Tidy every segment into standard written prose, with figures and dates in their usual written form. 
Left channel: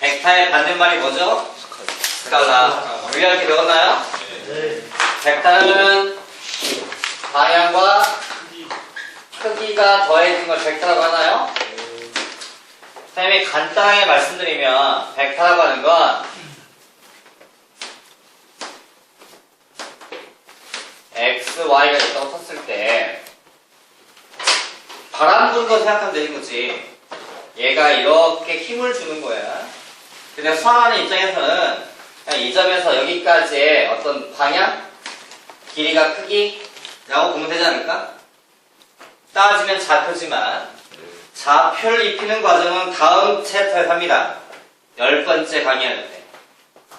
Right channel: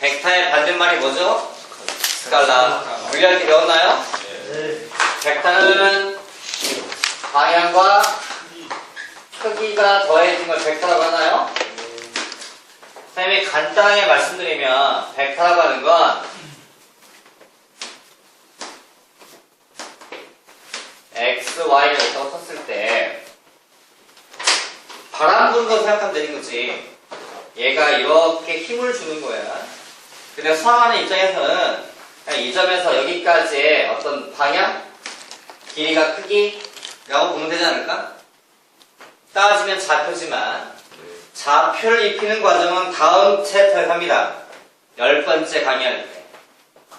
벡터의 반대말이 뭐죠? 스칼라. 물리학 배웠나요? 네. 벡터는 방향과 크기가 더해진 걸 벡터라고 하나요? 선생님이 간단하게 말씀드리면 벡터라고 하는 건 x, y가 있다고 쳤을 때 바람 부는 거 생각하면 되는 거지. 얘가 이렇게 힘을 주는 거야. 근데 수학하는 입장에서는 그냥 이 점에서 여기까지의 어떤 방향, 길이가 크기라고 보면 되지 않을까? 따지면 좌표지만 좌표를 입히는 과정은 다음 챕터에서 합니다. 10번째 강의할 때.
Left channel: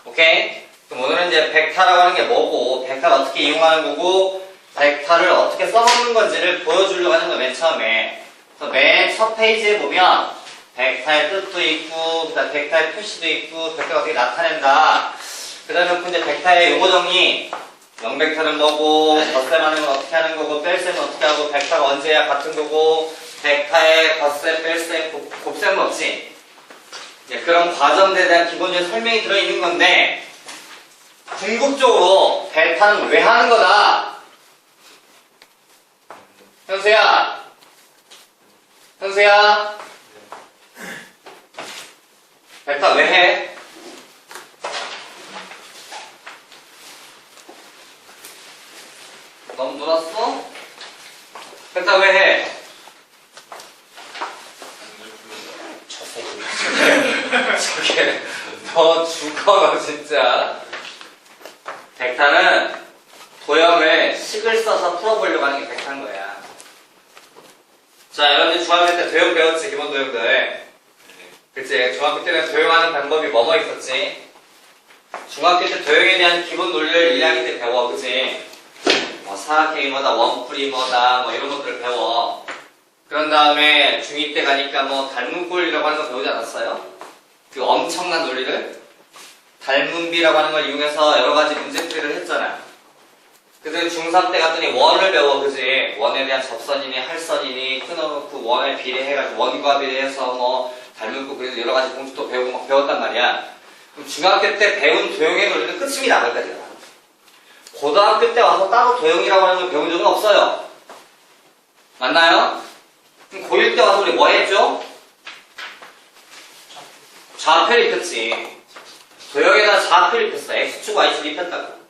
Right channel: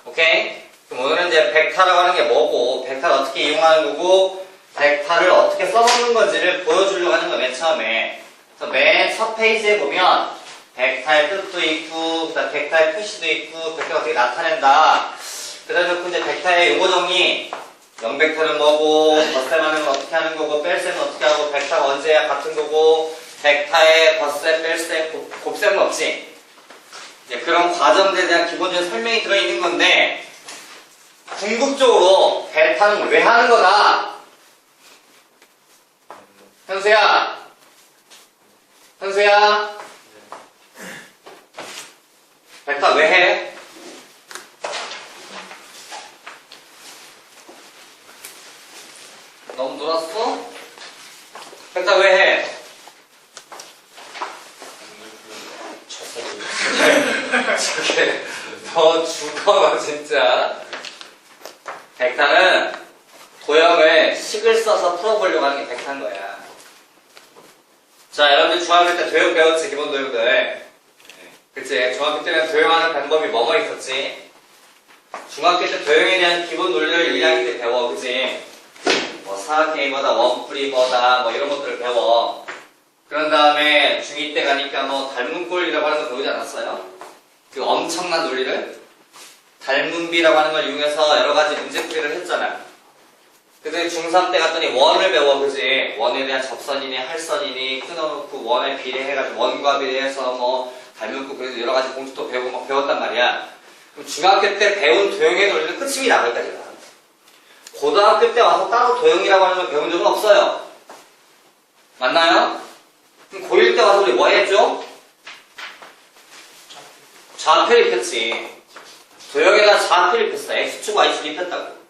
오케이? 그럼 오늘은 이제 벡터라고 하는 게 뭐고, 벡터를 어떻게 이용하는 거고, 벡터를 어떻게 써먹는 건지를 보여주려고 하는 거예요, 맨 처음에. 그래서 맨 첫 페이지에 보면 벡터의 뜻도 있고, 그 다음 벡터의 표시도 있고, 벡터가 어떻게 나타낸다. 그 다음에 이제 벡터의 용어 정리, 영벡터는 뭐고, 덧셈하는 건 어떻게 하는 거고, 뺄셈은 어떻게 하고, 벡터가 언제 해야 같은 거고, 벡터의 덧셈, 뺄셈, 곱셈은 없지. 그런 과정들에 대한 기본적인 설명이 들어있는 건데, 궁극적으로 벡터는 왜 하는 거다? 현수야, 벡터 왜 해? 너무 놀았어? 벡터 왜 해? 저게 너 죽어 너 진짜. 벡터는 도형을 식을 써서 풀어보려고 하는 게 벡터인 거야. 자, 여러분들 중학교 때 도형 배웠지, 기본 도형들. 그치? 중학교 때는 도형하는 방법이 뭐뭐 있었지? 중학교 때 도형에 대한 기본 논리를 1학기 때 배워, 그치? 뭐 사각형이 뭐다, 원뿔이 뭐다, 뭐 이런 것들을 배워. 그런 다음에 중2 때 가니까 뭐 닮은꼴이라고 하는 거 배우지 않았어요? 그 엄청난 논리를? 닮은비라고 하는 걸 이용해서 여러 가지 문제풀이를 했잖아. 그래서 중3 때 갔더니 원을 배워, 그지? 원에 대한 접선이니 할선이니 끊어놓고 원에 비례해가지고 원과 비례해서 뭐 닮은꼴 그래서 여러 가지 공식도 배우고 막 배웠단 말이야. 그럼 중학교 때 배운 도형의 논리는 끝입니다, 거기까지가. 고등학교 때 와서 따로 도형이라고 하는 걸 배운 적은 없어요. 맞나요? 그럼 고1 때 와서 우리 뭐 했죠? 좌표를 입혔지. 도형에다 좌표를 입혔어. X축, Y축 입혔다고.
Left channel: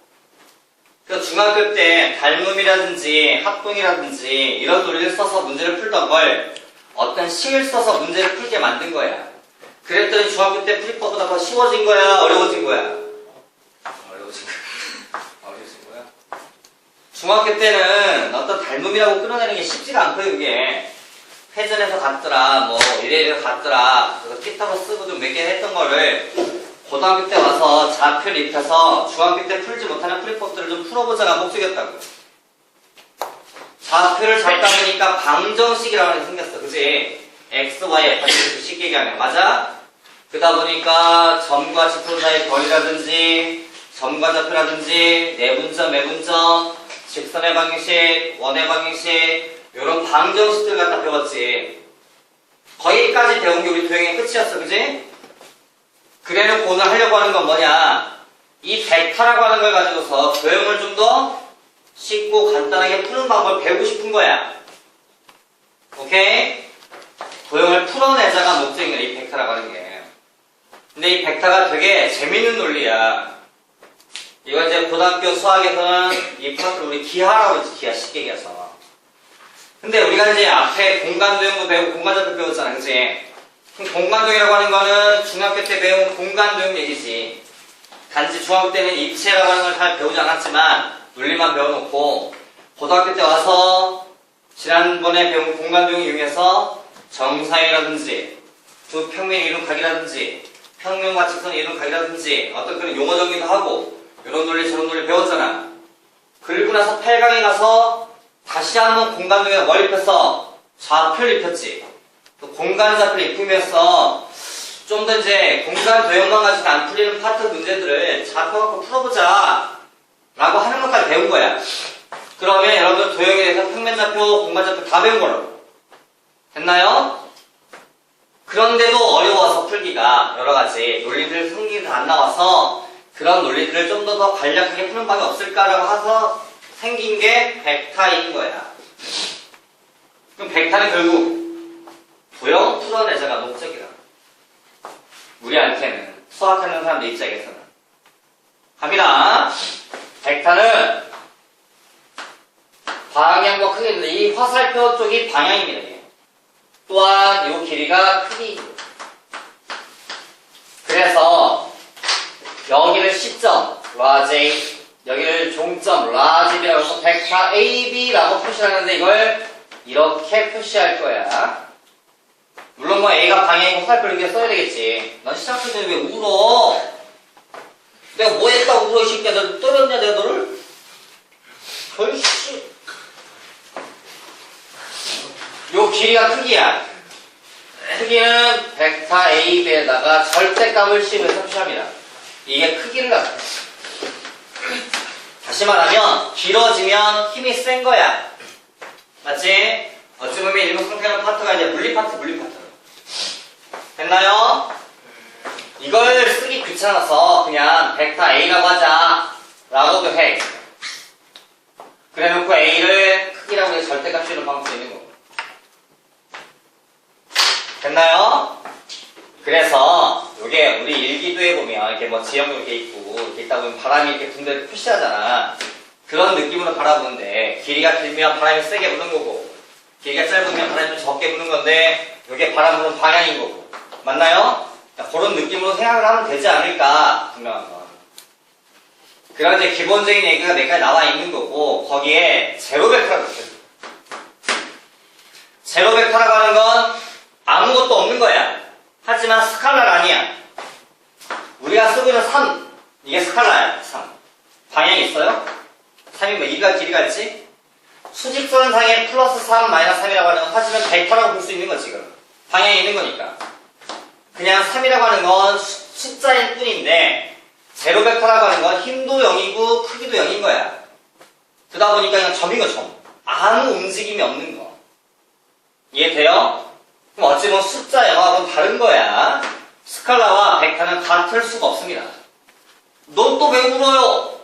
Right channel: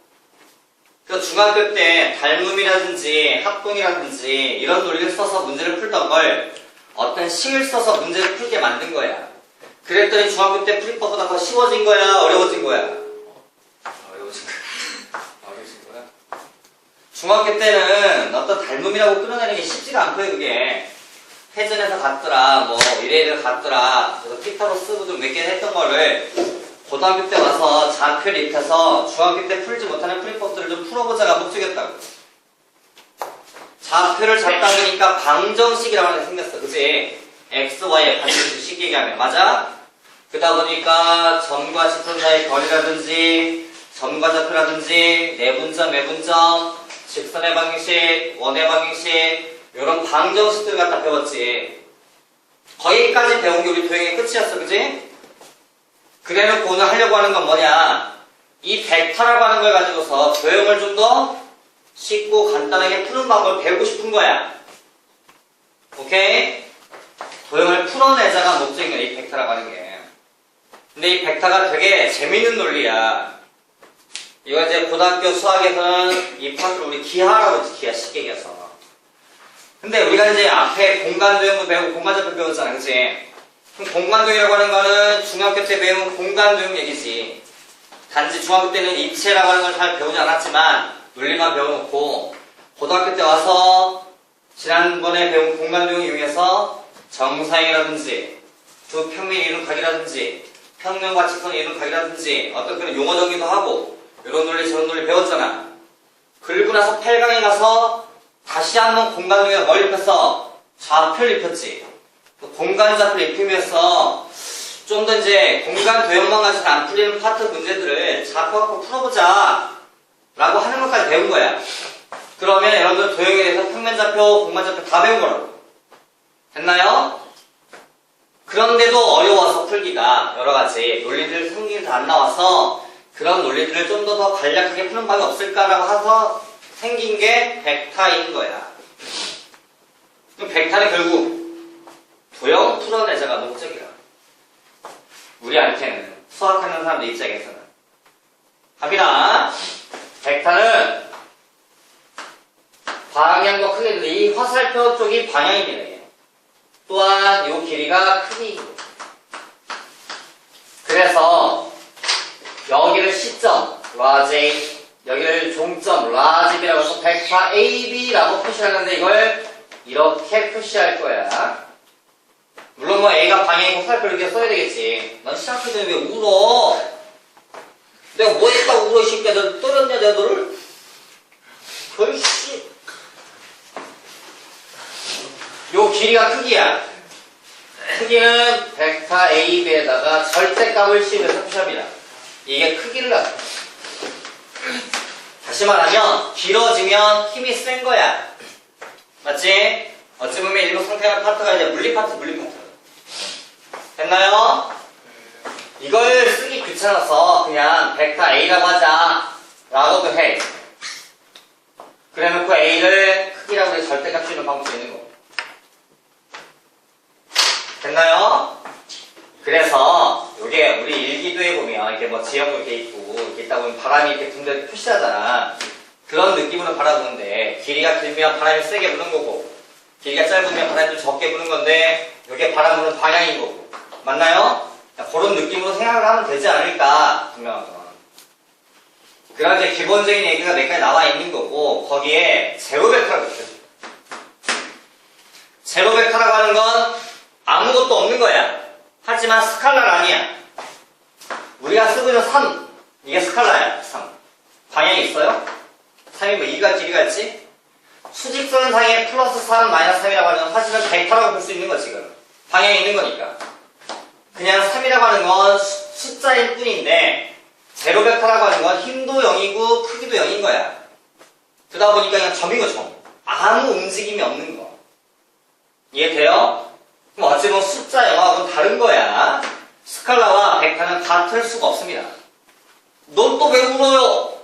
그래서 중학교 때 닮음이라든지 합동이라든지 이런 논리를 써서 문제를 풀던 걸 어떤 식을 써서 문제를 풀게 만든 거야. 그랬더니 중학교 때 풀이법보다 더 쉬워진 거야? 어려워진 거야? 어려워진 거야. 중학교 때는 어떤 닮음이라고 끌어내는 게 쉽지가 않고요, 그게. 회전에서 갔더라, 뭐, 이래이래 갔더라, 그래서 피타고스 좀 몇 개 했던 거를 고등학교 때 와서 좌표를 입혀서 중학교 때 풀지 못하는 풀이법들을 좀 풀어보자가 목적이었다고. 좌표를 잡다 보니까 방정식이라고 하는 게 생겼어, 그치? x, y의 방정식 얘기하면, 맞아? 그러다 보니까 점과 지표 사이 거리라든지, 점과 좌표라든지, 내분점, 외분점, 직선의 방정식, 원의 방정식, 이런 방정식들 갖다 배웠지. 거기까지 배운 게 우리 도형의 끝이었어, 그지? 그래놓고 오늘 하려고 하는 건 뭐냐? 이 벡터라고 하는 걸 가지고서 도형을 좀 더 쉽고 간단하게 푸는 방법을 배우고 싶은 거야. 오케이? 도형을 풀어내자가 목적인 거야, 이 벡터라고 하는 게. 근데 이 벡터가 되게 재밌는 논리야. 이거 이제 고등학교 수학에서는 이 파트를 우리 기하라고 했지, 기하 쉽게 얘기해서. 근데 우리가 이제 앞에 공간도형도 배우고 공간좌표 배웠잖아, 그치? 그럼 공간도형이라고 하는 거는 중학교 때 배운 공간도형 얘기지. 단지 중학교 때는 입체라고 하는 걸 잘 배우지 않았지만 논리만 배워놓고 고등학교 때 와서 지난번에 배운 공간도형 이용해서 정사이라든지 두 평면의 이름 각이라든지 평면과 직선의 이름 각이라든지 어떤 그런 용어 정리도 하고 이런 논리 저런 논리 배웠잖아. 그리고 나서 8강에 가서 다시 한번 공간도형에 뭘 입혔어? 좌표를 입혔지. 공간 좌표를 입히면서 좀 더 이제 공간 도형만 가지고 안 풀리는 파트 문제들을 좌표 갖고 풀어보자 라고 하는 것까지 배운 거야. 그러면 여러분들 도형에 대해서 평면 좌표, 공간 좌표 다 배운 거라고. 됐나요? 그런데도 어려워서 풀기가 여러가지 논리들 성질이 안 나와서 그런 논리들을 좀 더 간략하게 푸는 방법이 없을까라고 해서 생긴 게 벡터인 거야. 그럼 벡터는 결국 도형 풀어내자가 목적이라. 우리한테는 수학하는 사람들 입장에서는 갑니다. 벡터는 방향과 크기인데 이 화살표 쪽이 방향입니다. 또한 이 길이가 크기입니다. 그래서 여기를 시점 라지, 여기를 종점 라지라고 해서 벡터 AB라고 표시하는데 이걸 이렇게 표시할 거야. 물론 뭐 A가 방향이고 화살표를 이렇게 써야 되겠지. 넌 시작할 때는 왜 울어? 내가 뭐 했다고 울어 이 새끼야. 너 떨었냐 내가 너를? 별씨. 요 길이가 크기야. 크기는 벡터 AB에다가 절대값을 씌우면서 표시합니다. 이게 크기를 나타내. 다시 말하면 길어지면 힘이 센 거야. 맞지? 어찌 보면 일부 상태는 파트가 이제 물리 파트. 됐나요? 이걸 쓰기 귀찮아서 그냥 벡터 A라고 하자 라고도 해. 그래 놓고 A를 크기라고 해서 절대값 씌우는 방법도 있는 거고. 됐나요? 그래서 요게 우리 일기도에 보면 이렇게 뭐 지형도 이렇게 있고 이렇게 있다 보면 바람이 이렇게 분대를 표시하잖아. 그런 느낌으로 바라보는데 길이가 길면 바람이 세게 부는 거고 길이가 짧으면 바람이 좀 적게 부는 건데 요게 바람 부는 방향인 거고. 맞나요? 그런 느낌으로 생각을 하면 되지 않을까 분명한 건. 그런 이제 기본적인 얘기가 몇 가지 나와 있는 거고 거기에 제로 벡터라고 있어요. 제로 벡터라고 하는 건 아무것도 없는 거야. 하지만 스칼라가 아니야. 우리가 쓰고 있는 3 이게 스칼라야. 3 방향이 있어요? 3이 뭐 2가 길이가 있지? 수직선상에 플러스 3 마이너스 3이라고 하는 건 사실은 벡터라고 볼 수 있는 거 지금. 방향이 있는 거니까. 그냥 3이라고 하는 건 숫자일 뿐인데 제로 벡터라고 하는 건 힘도 0이고 크기도 0인 거야. 그러다 보니까 그냥 점인 거 점. 아무 움직임이 없는 거. 이해돼요? 그럼 어찌 보면 숫자 영어하고는 다른 거야. 스칼라와 벡터는 같을 수가 없습니다. 넌 또 왜 울어요?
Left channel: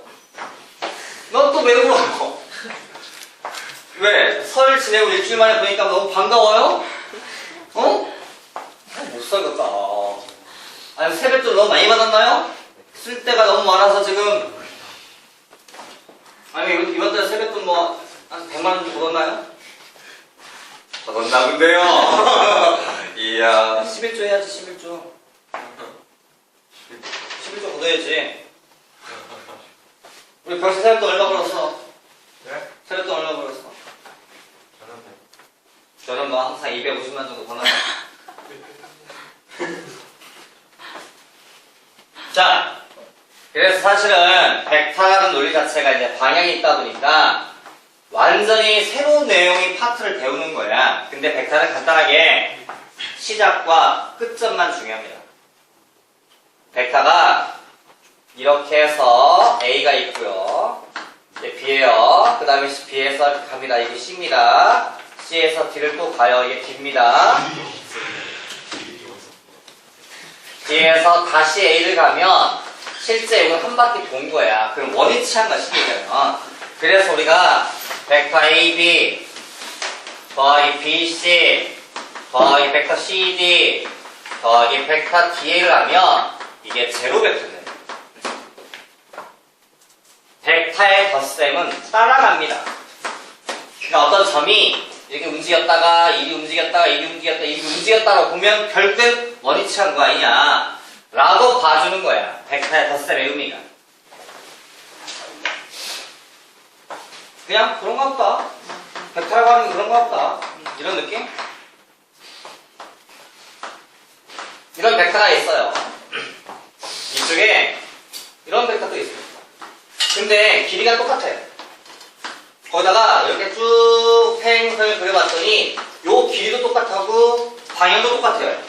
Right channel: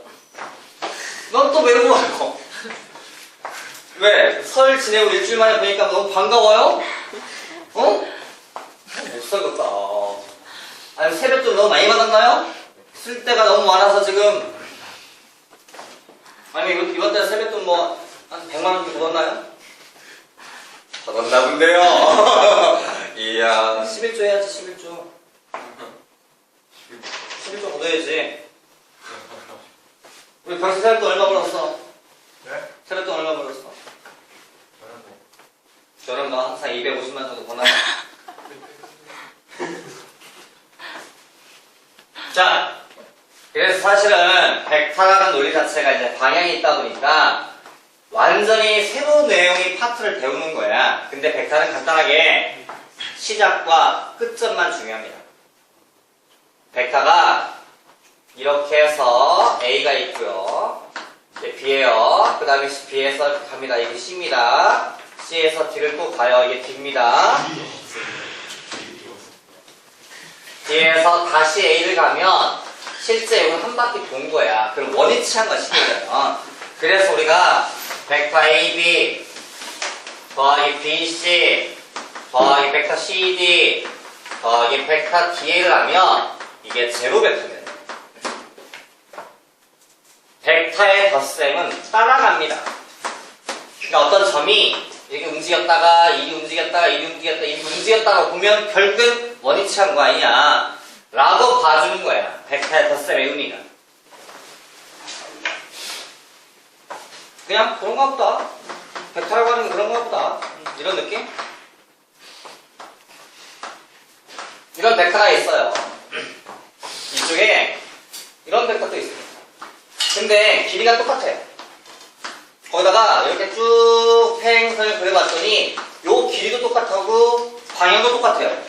넌 또 왜 울어요? 왜? 설 지내고 일주일 만에 보니까 너무 반가워요? 어? 못 살겠다. 아니면 세뱃돈 너무 많이 받았나요? 쓸 때가 너무 많아서 지금. 아니 이번 달에 세뱃돈 뭐 한 100만 원 정도 걷었나요? 걷었나 본데요. 이야. 11조 해야지 11조. 11조 걷어야지. 우리 벌써 세뱃돈 얼마 벌었어? 네? 세뱃돈 얼마 벌었어? 저는 뭐 항상 250만 정도 버나. 자, 그래서 사실은 벡터라는 논리 자체가 이제 방향이 있다 보니까 완전히 새로운 내용의 파트를 배우는 거야. 근데 벡터는 간단하게 시작과 끝점만 중요합니다. 벡터가 이렇게 해서 A가 있고요. 이제 B예요. 그 다음에 B에서 갑니다. 이게 C입니다. C에서 D를 또 가요. 이게 D입니다. D에서 다시 A를 가면 실제 이건 한 바퀴 돈 거야. 그럼 원위치한 거야, 시계면. 그래서 우리가 벡터 AB 더하기 BC 더하기 벡터 CD 더하기 벡터 DA를 하면 이게 제로 벡터네. 벡터의 덧셈은 따라갑니다. 그러니까 어떤 점이 이렇게 움직였다가 이리 움직였다가 이리 움직였다가 이리 움직였다가 보면 결국은 원위치한 거 아니냐 라고 봐주는 거야. 벡터의 덧셈의 의미가. 그냥 그런가 보다. 벡터라고 하는 건 그런가 보다. 이런 느낌? 이런 벡터가 있어요. 이쪽에 이런 벡터도 있습니다. 근데 길이가 똑같아요. 거기다가 이렇게 쭉 팽선을 그려봤더니 요 길이도 똑같고 방향도 똑같아요.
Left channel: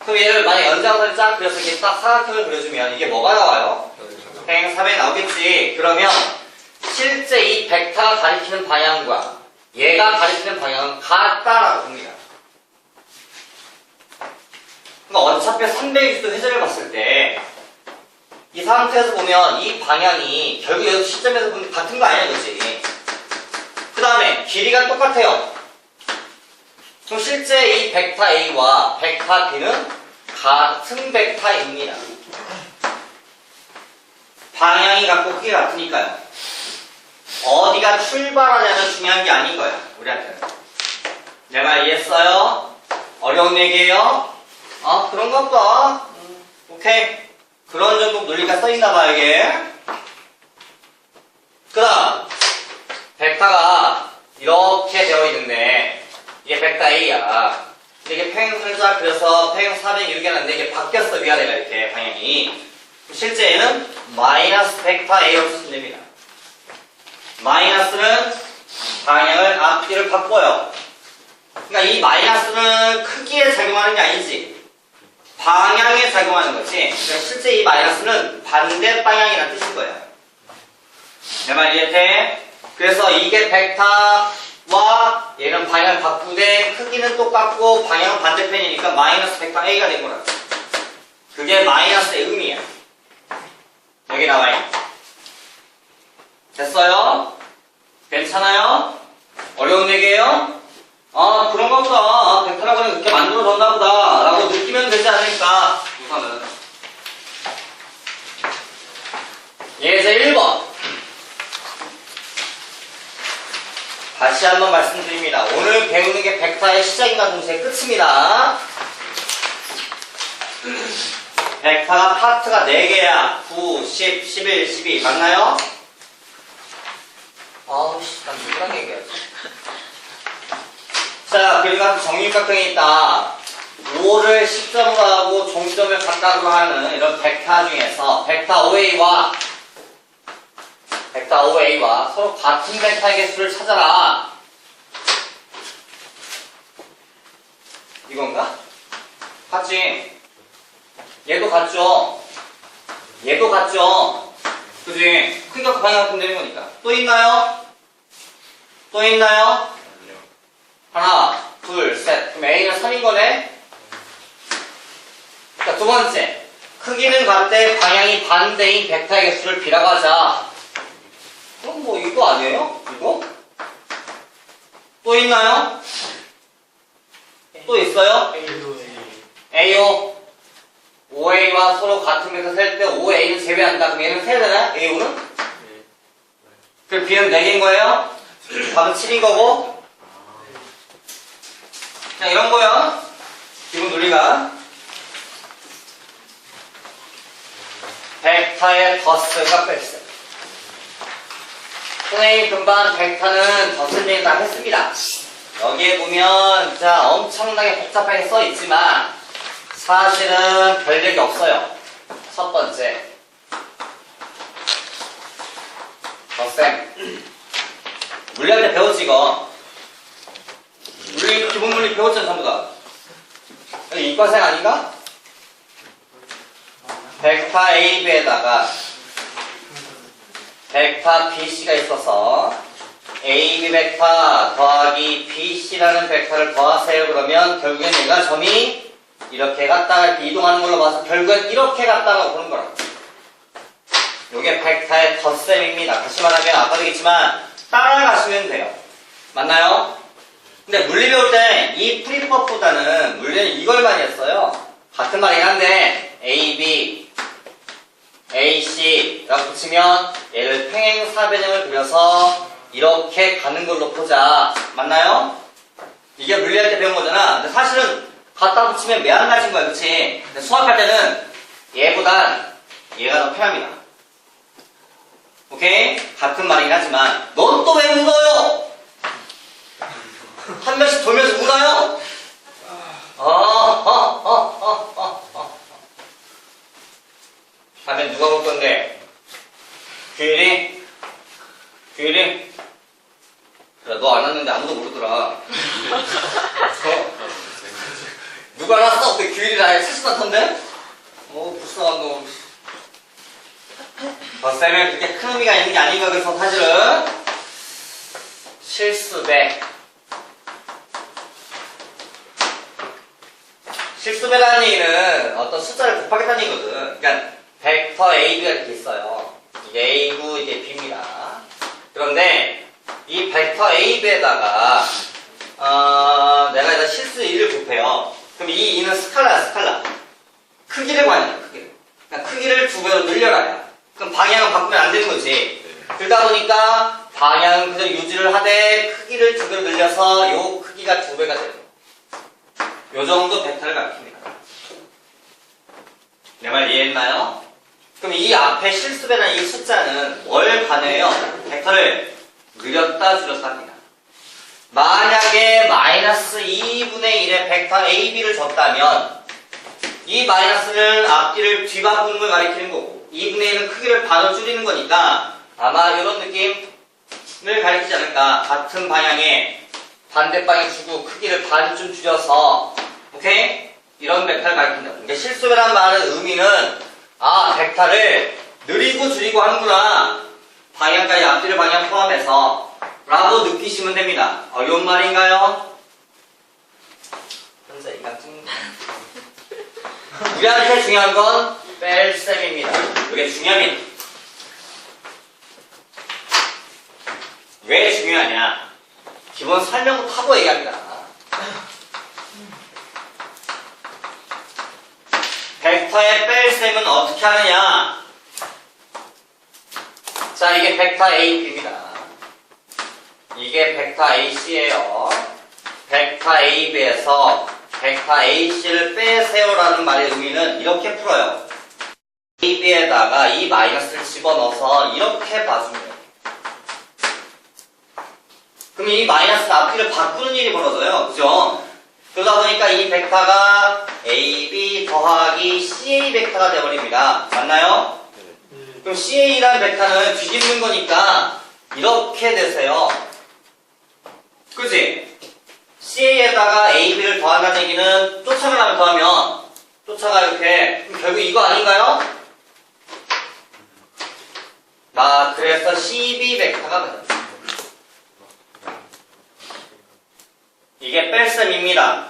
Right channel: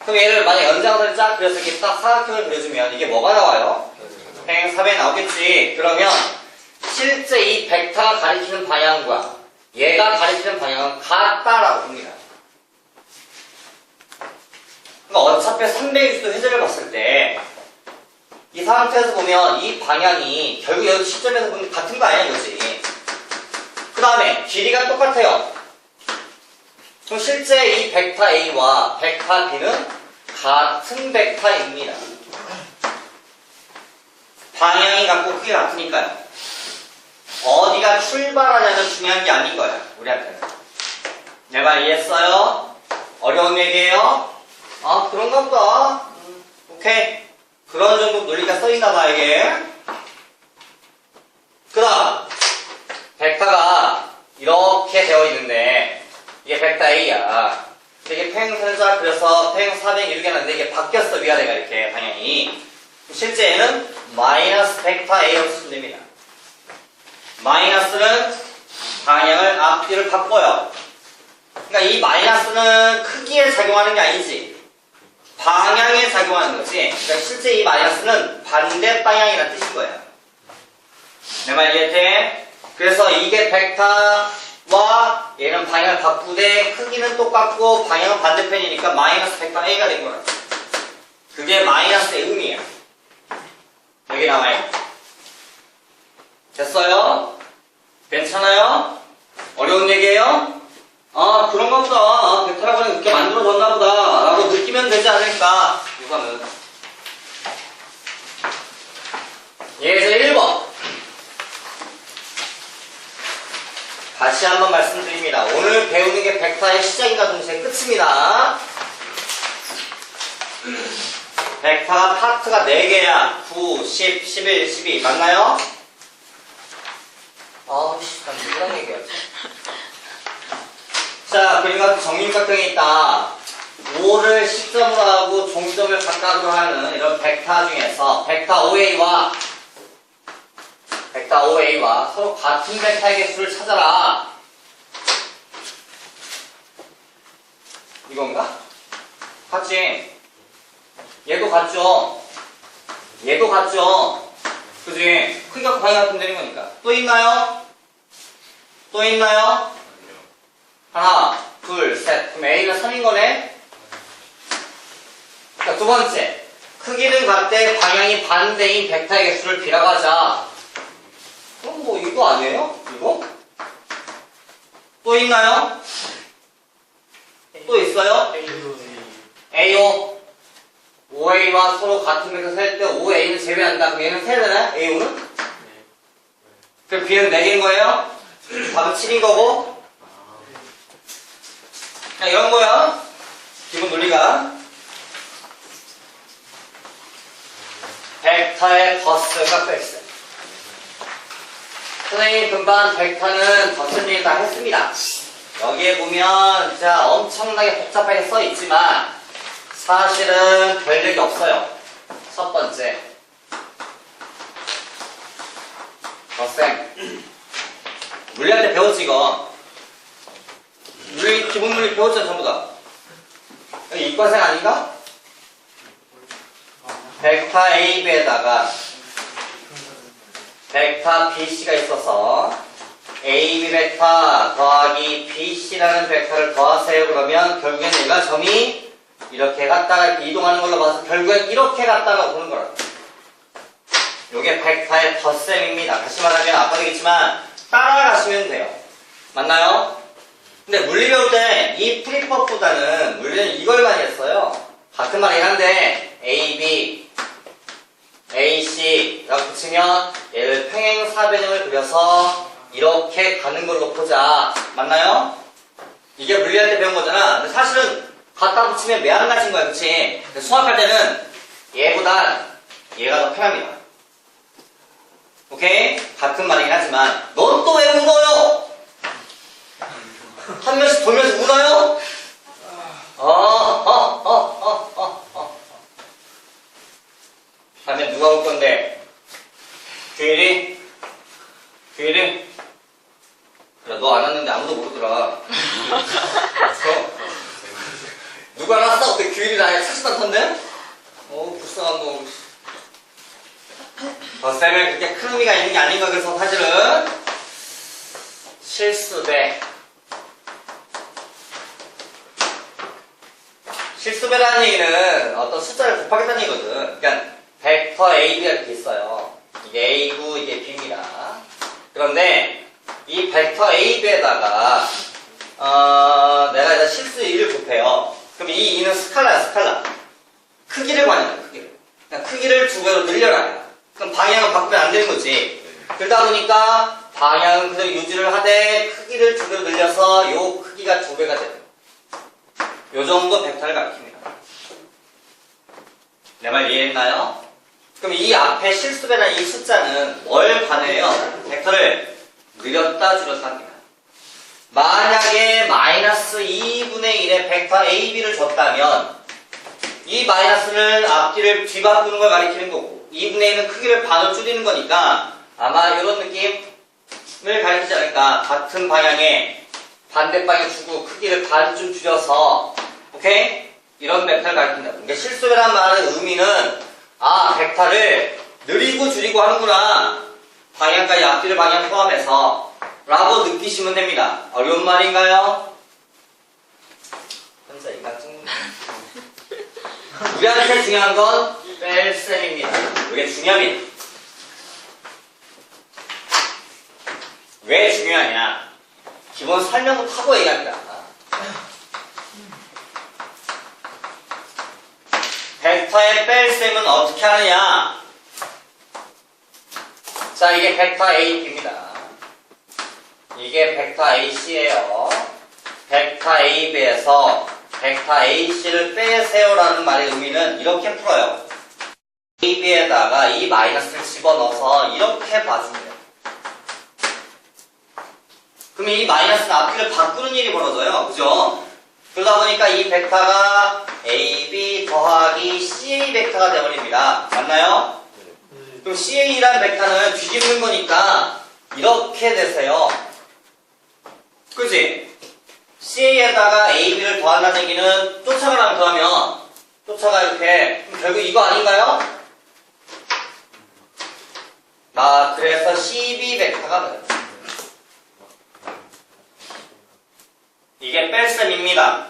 그럼 얘를 만약 연장선을 쫙 그려서 이렇게 딱 사각형을 그려주면 이게 뭐가 나와요? 팽3에 나오겠지. 그러면 실제 이 벡터가 가리키는 방향과 얘가 가리키는 방향은 같다라고 봅니다. 그러니까 어차피 360도 회전을 봤을 때 이 상태에서 보면 이 방향이 결국 여기 시점에서 보면 같은 거 아니야, 그렇지? 그 다음에 길이가 똑같아요. 그럼 실제 이 벡터 A와 벡터 B는 같은 벡터입니다. 방향이 같고 크기가 같으니까요. 어디가 출발하냐는 중요한 게 아닌 거야, 우리한테는. 내 말 이해했어요? 어려운 얘기예요? 아, 그런가 보다. 오케이. 그런 정도 논리가 써있나봐, 이게. 그 다음, 벡터가 이렇게 되어 있는데, 이게 벡터 A야. 근데 이게 평행선자, 그래서 평행 400 이렇게 하는데, 이게 바뀌었어, 위아래가 이렇게, 방향이. 실제 얘는 마이너스 벡터 A로 쓰시면 됩니다. 마이너스는 방향을 앞뒤를 바꿔요. 그러니까 이 마이너스는 크기에 작용하는 게 아니지. 방향에 작용하는 거지. 그러니까 실제 이 마이너스는 반대 방향이라는 뜻인 거야. 내 말 이해돼? 그래서 이게 벡터와 얘는 방향을 바꾸되 크기는 똑같고 방향은 반대편이니까 마이너스 벡터 A가 된 거라. 그게 마이너스의 의미야. 여기 나와있네. 됐어요? 괜찮아요? 어려운 얘기예요? 아, 그런가 보다. 아, 벡터라고 그냥 그렇게 만들어졌나 보다. 라고 느끼면 되지 않을까, 우선은. 예제 1번. 다시 한번 말씀드립니다. 오늘 배우는 게 벡터의 시작인가 동시에 끝입니다. 벡터가 파트가 4개야. 9, 10, 11, 12. 맞나요? 아우씨, 난 누구랑 얘기하지? 자, 그러니까 정육각형이 있다. 5를 시점으로 하고 종점을 각각으로 하는 이런 벡터 중에서 벡터 OA와 서로 같은 벡터의 개수를 찾아라. 이건가? 같지? 얘도 같죠? 얘도 같죠? 그지? 크기가 방향 같으면 되는 거니까. 또 있나요? 또 있나요? 하나, 둘, 셋. 그럼 A가 3인 거네? 자, 두 번째. 크기는 같되 방향이 반대인 벡터의 개수를 B라고 하자. 그럼 뭐 이거 아니에요? 이거? 또 있나요? 또 있어요? AO. OA와 서로 같은 벡터 셀 때 OA는 제외한다. 그럼 얘는 세야 되나? AO는? 그럼 B는 4개인 거예요? 답은 7인 거고. 자, 이런 거야. 기본 논리가. 벡터의 더스가 뺄세. 선생님, 금방 벡터는 더스를 다 했습니다. 여기에 보면, 자, 엄청나게 복잡하게 써 있지만, 사실은 별력이 없어요. 첫 번째. 더쌤. 물리할 때 배웠지, 이거. 우리 기본 물리 배웠잖아, 전부 다. 이과생 아닌가? 벡터 AB에다가 벡터 BC가 있어서 AB 벡터 더하기 BC라는 벡터를 더하세요. 그러면 결국엔 얘가 점이 이렇게 갔다가 이렇게 이동하는 걸로 봐서 결국엔 이렇게 갔다라고 보는 거라. 요게 벡터의 덧셈입니다. 다시 말하면 아까도 얘기했지만 따라가시면 돼요. 맞나요? 근데 물리 배울 때 이 프리법보다는 물리는 이걸 많이 했어요. 같은 말이긴 한데 AB, AC 라고 붙이면 얘를 평행사변형을 그려서 이렇게 가는 걸로 보자. 맞나요? 이게 물리할 때 배운 거잖아. 근데 사실은 갖다 붙이면 매한가지인 거야, 그치? 근데 수학할 때는 얘보단 얘가 더 편합니다. 오케이? 같은 말이긴 하지만 넌 또 왜 울어요? 한 명씩 돌면서 울어요? 다음에 누가 올 건데? 규일이? 규일이? 야, 너 안 왔는데 아무도 모르더라. 누가 안 왔어? 어떻게 규일이 나의 70만 턴데? 불쌍한 놈. 쌤은 그렇게 큰 의미가 있는 게 아닌가, 그래서 사실은 실수 대 실수배라는 얘기는 어떤 숫자를 곱하겠다는 얘기거든. 그러니까 벡터 AB가 이렇게 있어요. 이게 A고 이게 B입니다. 그런데 이 벡터 AB에다가 내가 일단 실수 2를 곱해요. 그럼 이 2는 스칼라야, 스칼라. 크기를 구하는 거야, 크기를. 그러니까 크기를 2배로 늘려라. 그럼 방향을 바꾸면 안 되는 거지. 그러다 보니까 방향은 그대로 유지를 하되 크기를 2배로 늘려서 요 크기가 2배가 되는 거야. 요 정도 벡터를 가리킵니다. 내 말 이해했나요? 그럼 이 앞에 실수배라는 이 숫자는 뭘 반영해요? 벡터를 늘렸다 줄였다 합니다. 만약에 마이너스 2분의 1의 벡터 AB를 줬다면 이 마이너스를 앞뒤를 뒤바꾸는 걸 가리키는 거고 2분의 1은 크기를 반으로 줄이는 거니까 아마 이런 느낌을 가리키지 않을까. 같은 방향에 반대 방향 주고 크기를 반쯤 줄여서 오케이? 이런 벡터를 가리킨다. 그러니까 실수배란 말의 의미는 벡터를 느리고 줄이고 하는구나. 방향까지 앞뒤를 방향 포함해서 라고 느끼시면 됩니다. 어려운 말인가요? 현재 이각중 우리한테 중요한 건 뺄셈입니다. 이게 중요합니다. 왜 중요하냐? 기본 설명부터 하고 얘기합니다. 벡터의 뺄셈은 어떻게 하느냐? 자, 이게 벡터 AB입니다. 이게 벡터 AC예요. 벡터 AB에서 벡터 AC를 빼세요라는 말의 의미는 이렇게 풀어요. AB에다가 이 마이너스를 집어넣어서 이렇게 봐주면 돼요. 그럼 이 마이너스 앞뒤를 바꾸는 일이 벌어져요. 그죠? 그러다 보니까 이 벡터가 AB 더하기 CA 벡터가 되어버립니다. 맞나요? 그럼 CA라는 벡터는 뒤집는 거니까 이렇게 되세요. 그치? CA에다가 AB를 더한다는 얘기는 쫓아가랑 더하면 쫓아가 이렇게. 그럼 결국 이거 아닌가요? 그래서 CB 벡터가 돼요. 이게 뺄셈입니다.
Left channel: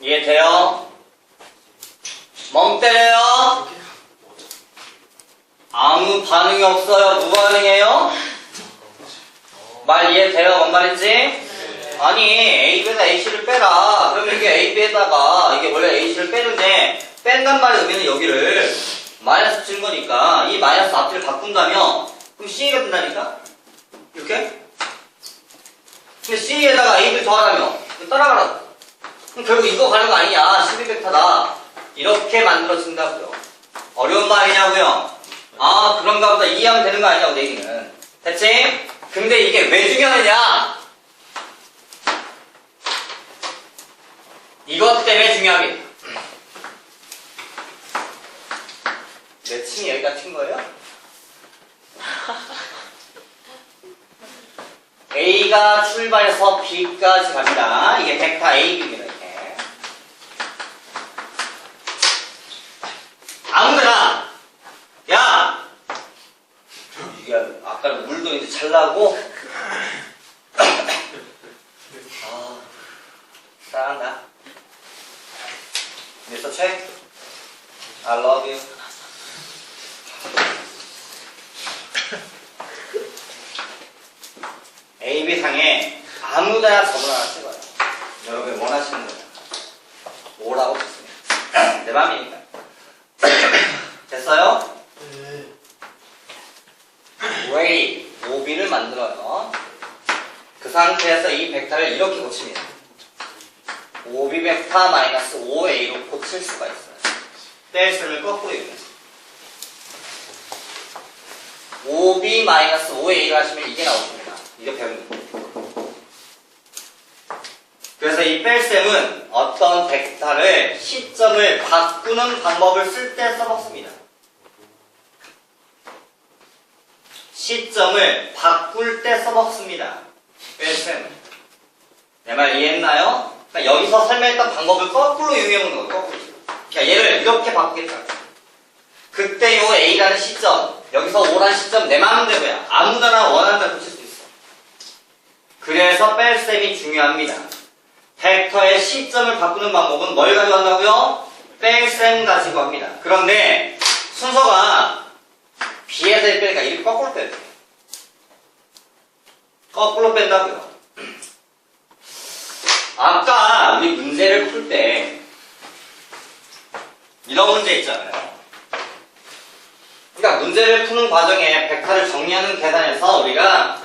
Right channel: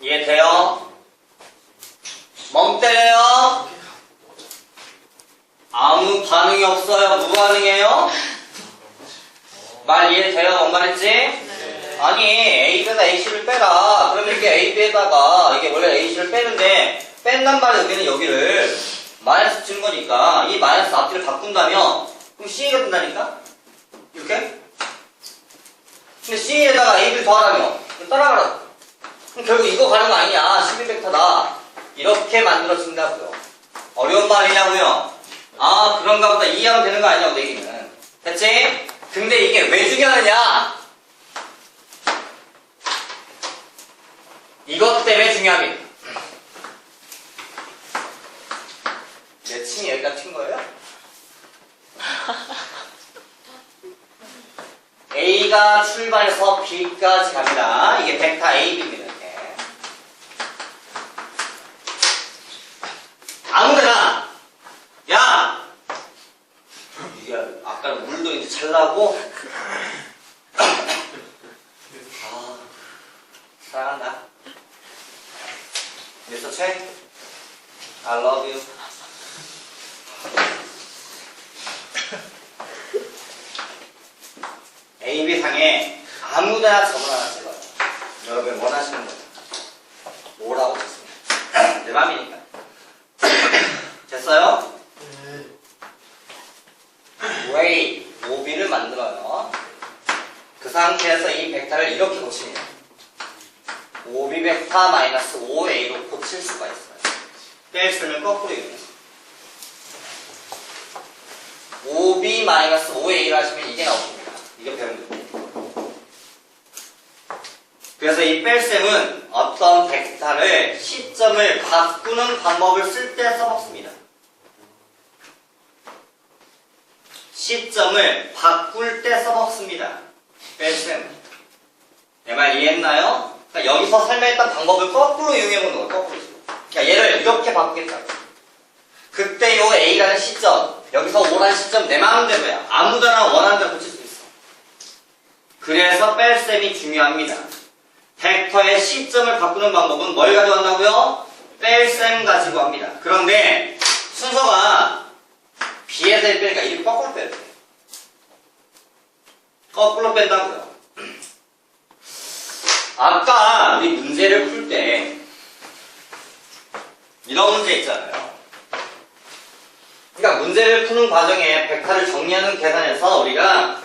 이해돼요? 멍 때려요? 아무 반응이 없어요. 무반응이에요? 말 이해돼요? 뭔 말인지? 아니 AB에다 AC를 빼라. 그러면 이게 AB에다가 이게 원래 AC를 빼는데 뺀단 말의 의미는 여기를 마이너스 치는 거니까 이 마이너스 앞뒤를 바꾼다면 그럼 CA가 된다니까? 이렇게? 근데 CA에다가 AB를 더하라며 따라가라고. 그럼 결국 이거 가는 거 아니냐? 12벡터다. 이렇게 만들어진다고요. 어려운 말이냐고요? 그런가 보다. 이해하면 되는 거 아니냐고 내 얘기는. 됐지? 근데 이게 왜 중요하느냐? 이것 때문에 중요합니다. 내 층이 여기다 튄 거예요? A가 출발해서 B까지 갑니다. 이게 벡터 AB입니다. 이렇게. 아무데나 야! 이게 아까는 물도 이제 잘 나고 사랑한다. Mr. Che, I love you. AB상에 아무데나 점을 하나 찍어요. 여러분이 원하시는 거예요. 5라고 했습니다. 내 맘이니까. 됐어요? ray, OB를 만들어요. 그 상태에서 이 벡터를 이렇게 고칩니다. OB 벡터 마이너스 5A로 고칠 수가 있어요. 뺄셈을 거꾸로 이용해서. OB 마이너스 5A를 하시면 이게 나옵니다. 이게 배우는 거예요. 그래서 이 뺄셈은 어떤 벡터를 시점을 바꾸는 방법을 쓸 때 써먹습니다. 시점을 바꿀 때 써먹습니다. 뺄셈. 내 말 이해했나요? 그러니까 여기서 설명했던 방법을 거꾸로 이용해보는 거예요. 거꾸로. 그러니까 얘를 이렇게 바꾸겠다고. 그때 요 A라는 시점, 여기서 O라는 시점 내 마음대로야. 아무데나 원하는 대로 고칠 수 있어. 그래서 뺄셈이 중요합니다. 벡터의 시점을 바꾸는 방법은 뭘 가져간다고요? 뺄셈 가지고 합니다. 그런데 순서가 B에서 빼니까 이렇게 거꾸로 빼야 돼. 거꾸로 뺀다고요. 아까 우리 문제를 풀 때 이런 문제 있잖아요. 그러니까 문제를 푸는 과정에 벡터를 정리하는 계산에서 우리가